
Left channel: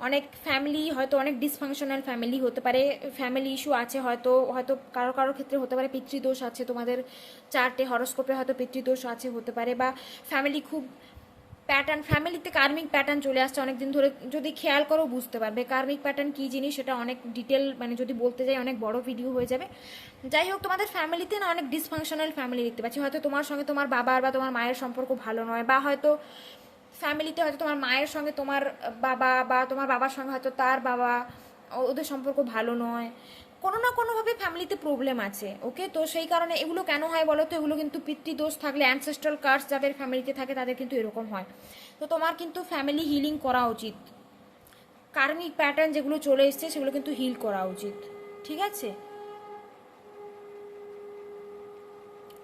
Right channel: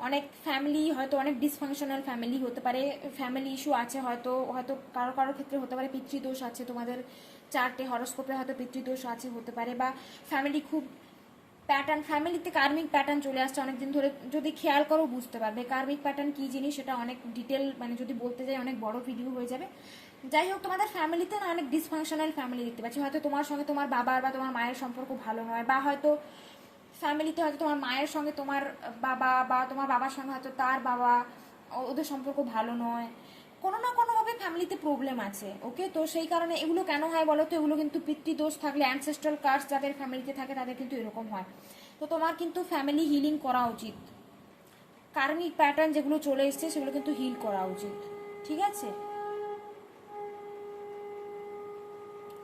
অনেক ফ্যামিলি, হয়তো অনেক ডিসফাংশনাল ফ্যামিলি হতে পারে, ফ্যামিলি ইস্যু আছে, হয়তো হয়তো কারোর কারোর ক্ষেত্রে হতে পারে পিতৃদোষ আছে, তোমাদের চার্টে হরোস্কোপে হয়তো পিতৃদোষ আছে হতে পারে, বা ফ্যামিলি খুব প্যাটার্ন, ফ্যামিলিতে কার্মিক প্যাটার্ন চলে আসছে অনেকদিন ধরে, যদি খেয়াল করো বুঝতে পারবে কার্মিক প্যাটার্ন কী জিনিস, সেটা অনেক ডিটেল মানে যদি বলতে যাই অনেক বড় ভিডিও হয়ে যাবে। যাই হোক, তোমাদের ফ্যামিলিতে না অনেক ডিসফাংশনাল ফ্যামিলি দেখতে পাচ্ছি, হয়তো তোমার সঙ্গে তোমার বাবার বা তোমার মায়ের সম্পর্ক ভালো নয়, বা হয়তো ফ্যামিলিতে হয়তো তোমার মায়ের সঙ্গে তোমার বাবা বা তোমার বাবার সঙ্গে হয়তো তার বাবা, ওদের সম্পর্ক ভালো নয়, কোনো না কোনোভাবে ফ্যামিলিতে প্রবলেম আছে। ওকে, তো সেই কারণে এগুলো কেন হয় বলো তো, এগুলো কিন্তু পিতৃদোষ থাকলে, অ্যানসেস্ট্রাল কার্স যাদের ফ্যামিলিতে থাকে তাদের কিন্তু এরকম হয়। তো তোমার কিন্তু ফ্যামিলি হিলিং করা উচিত, কার্মিক প্যাটার্ন যেগুলো চলে এসছে সেগুলো কিন্তু হিল করা উচিত। ঠিক আছে,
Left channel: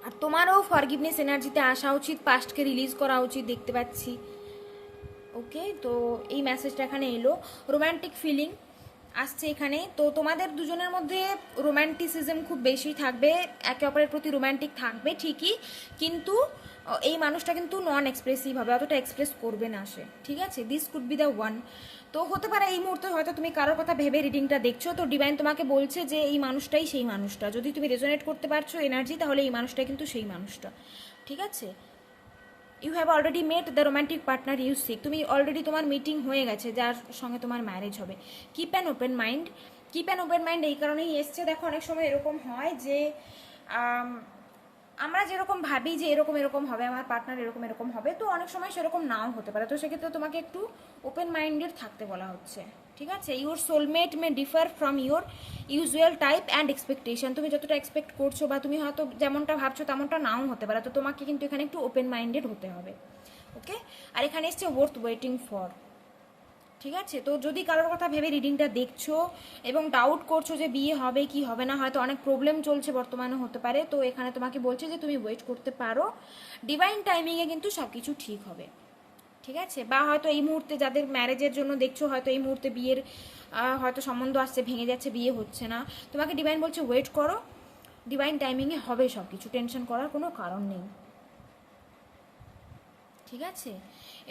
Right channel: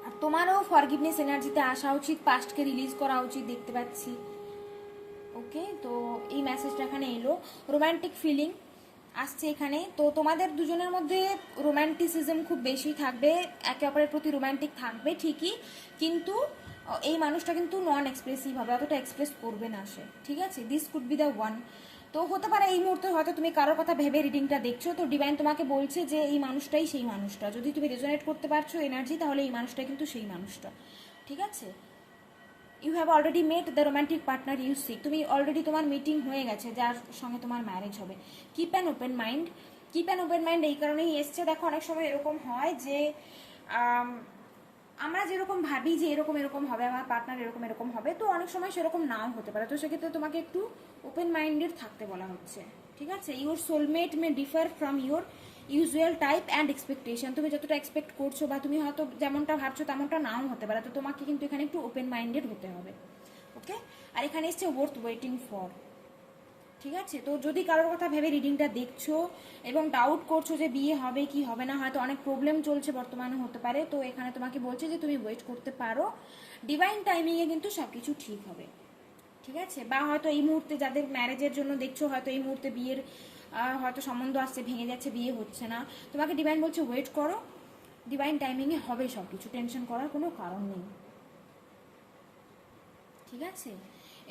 আর তোমারও ফরগিভনেস এনার্জিতে আসা উচিত, পাস্টকে রিলিজ করা উচিত দেখতে পাচ্ছি। ওকে, তো এই মেসেজটা এখানে এলো। রোম্যান্টিক ফিলিং আসছে এখানে, তো তোমাদের দুজনের মধ্যে রোম্যান্টিসিজম খুব বেশি থাকবে, একে অপরের প্রতি রোম্যান্টিক থাকবে ঠিকই, কিন্তু এই মানুষটা কিন্তু নন এক্সপ্রেসিভ হবে, অতটা এক্সপ্রেস করবে না সে। ঠিক আছে, this could be the one. তো হতে পারে এই মুহূর্তে হয়তো তুমি কারোর কথা ভেবে রিডিংটা দেখছো, তো ডিভাইন তোমাকে বলছে যে এই মানুষটাই সেই মানুষটা, যদি তুমি রেজোনেট করতে পারছো এনার্জি, তাহলে এই মানুষটাই কিন্তু সেই মানুষটা। ঠিক আছে, you have already met the romantic partner you seek, তুমি অলরেডি তোমার মিটিং হয়ে গেছে যার সঙ্গে তোমার ম্যারেজ হবে। Keep an open mind, keep an open mind এই কারণেই এসছে, দেখো অনেক সময় এরকম হয় যে আমরা যেরকম ভাবি যে এরকম এরকম হবে, আমার পার্টনার এরকম এরকম হবে, তো অনেক সময় সেরকম নাও হতে পারে, তো সেক্ষেত্রে তোমাকে একটু ওপেন মাইন্ডেড থাকতে বলা হচ্ছে। ঠিক আছে, your soulmate May differ from your usual type and expectation, তুমি যতটা এক্সপেক্ট করছো বা তুমি হয়তো যেমনটা ভাবছো তেমনটা নাও হতে পারে, তো তোমাকে কিন্তু এখানে একটু ওপেন মাইন্ডেড হতে হবে। ওকে, আর এখানে এসছে ওয়ার্থ ওয়েটিং ফর। ঠিক আছে, তো যদি কারোর কথা ভেবে রিডিংটা দেখছো এবং ডাউট করছো যে বিয়ে হবে কি হবে না, হয়তো অনেক প্রবলেম চলছে বর্তমানে হতে পারে, তো এখানে তোমাকে বলছে যে তুমি ওয়েট করতে পারো, ডিভাইন টাইমিংয়ে কিন্তু সব কিছু ঠিক হবে। ঠিক আছে, বা হয়তো এই মুহূর্তে যাদের ম্যারেজের জন্য দেখছো, হয়তো এই মুহূর্তে বিয়ের হয়তো সম্বন্ধ আসছে, ভেঙে যাচ্ছে, বিয়ে হচ্ছে না, তোমাকে ডিভাইন বলছে ওয়েট করো, ডিভাইন টাইমিংয়ে হবে সব কিছু, টেনশন করার কোনো কারণ নেই। ঠিক আছে,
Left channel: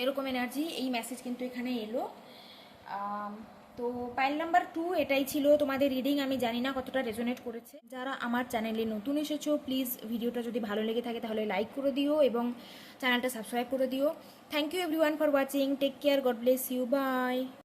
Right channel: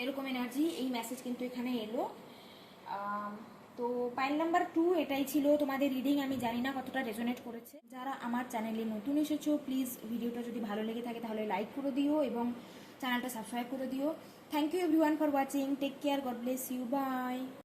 এরকম এনার্জি, এই মেসেজ কিন্তু এখানে এলো। তো পাইল নাম্বার 2 এটাই ছিল তোমাদের রিডিং, আমি জানি না কতটা রেজোনেট করেছে। যারা আমার চ্যানেলে নতুন এসেছো, প্লিজ ভিডিওটা যদি ভালো লেগে থাকে তাহলে লাইক করে দিও এবং চ্যানেলটা সাবস্ক্রাইব করে দিও। Thank you everyone for watching, take care, God bless you, by.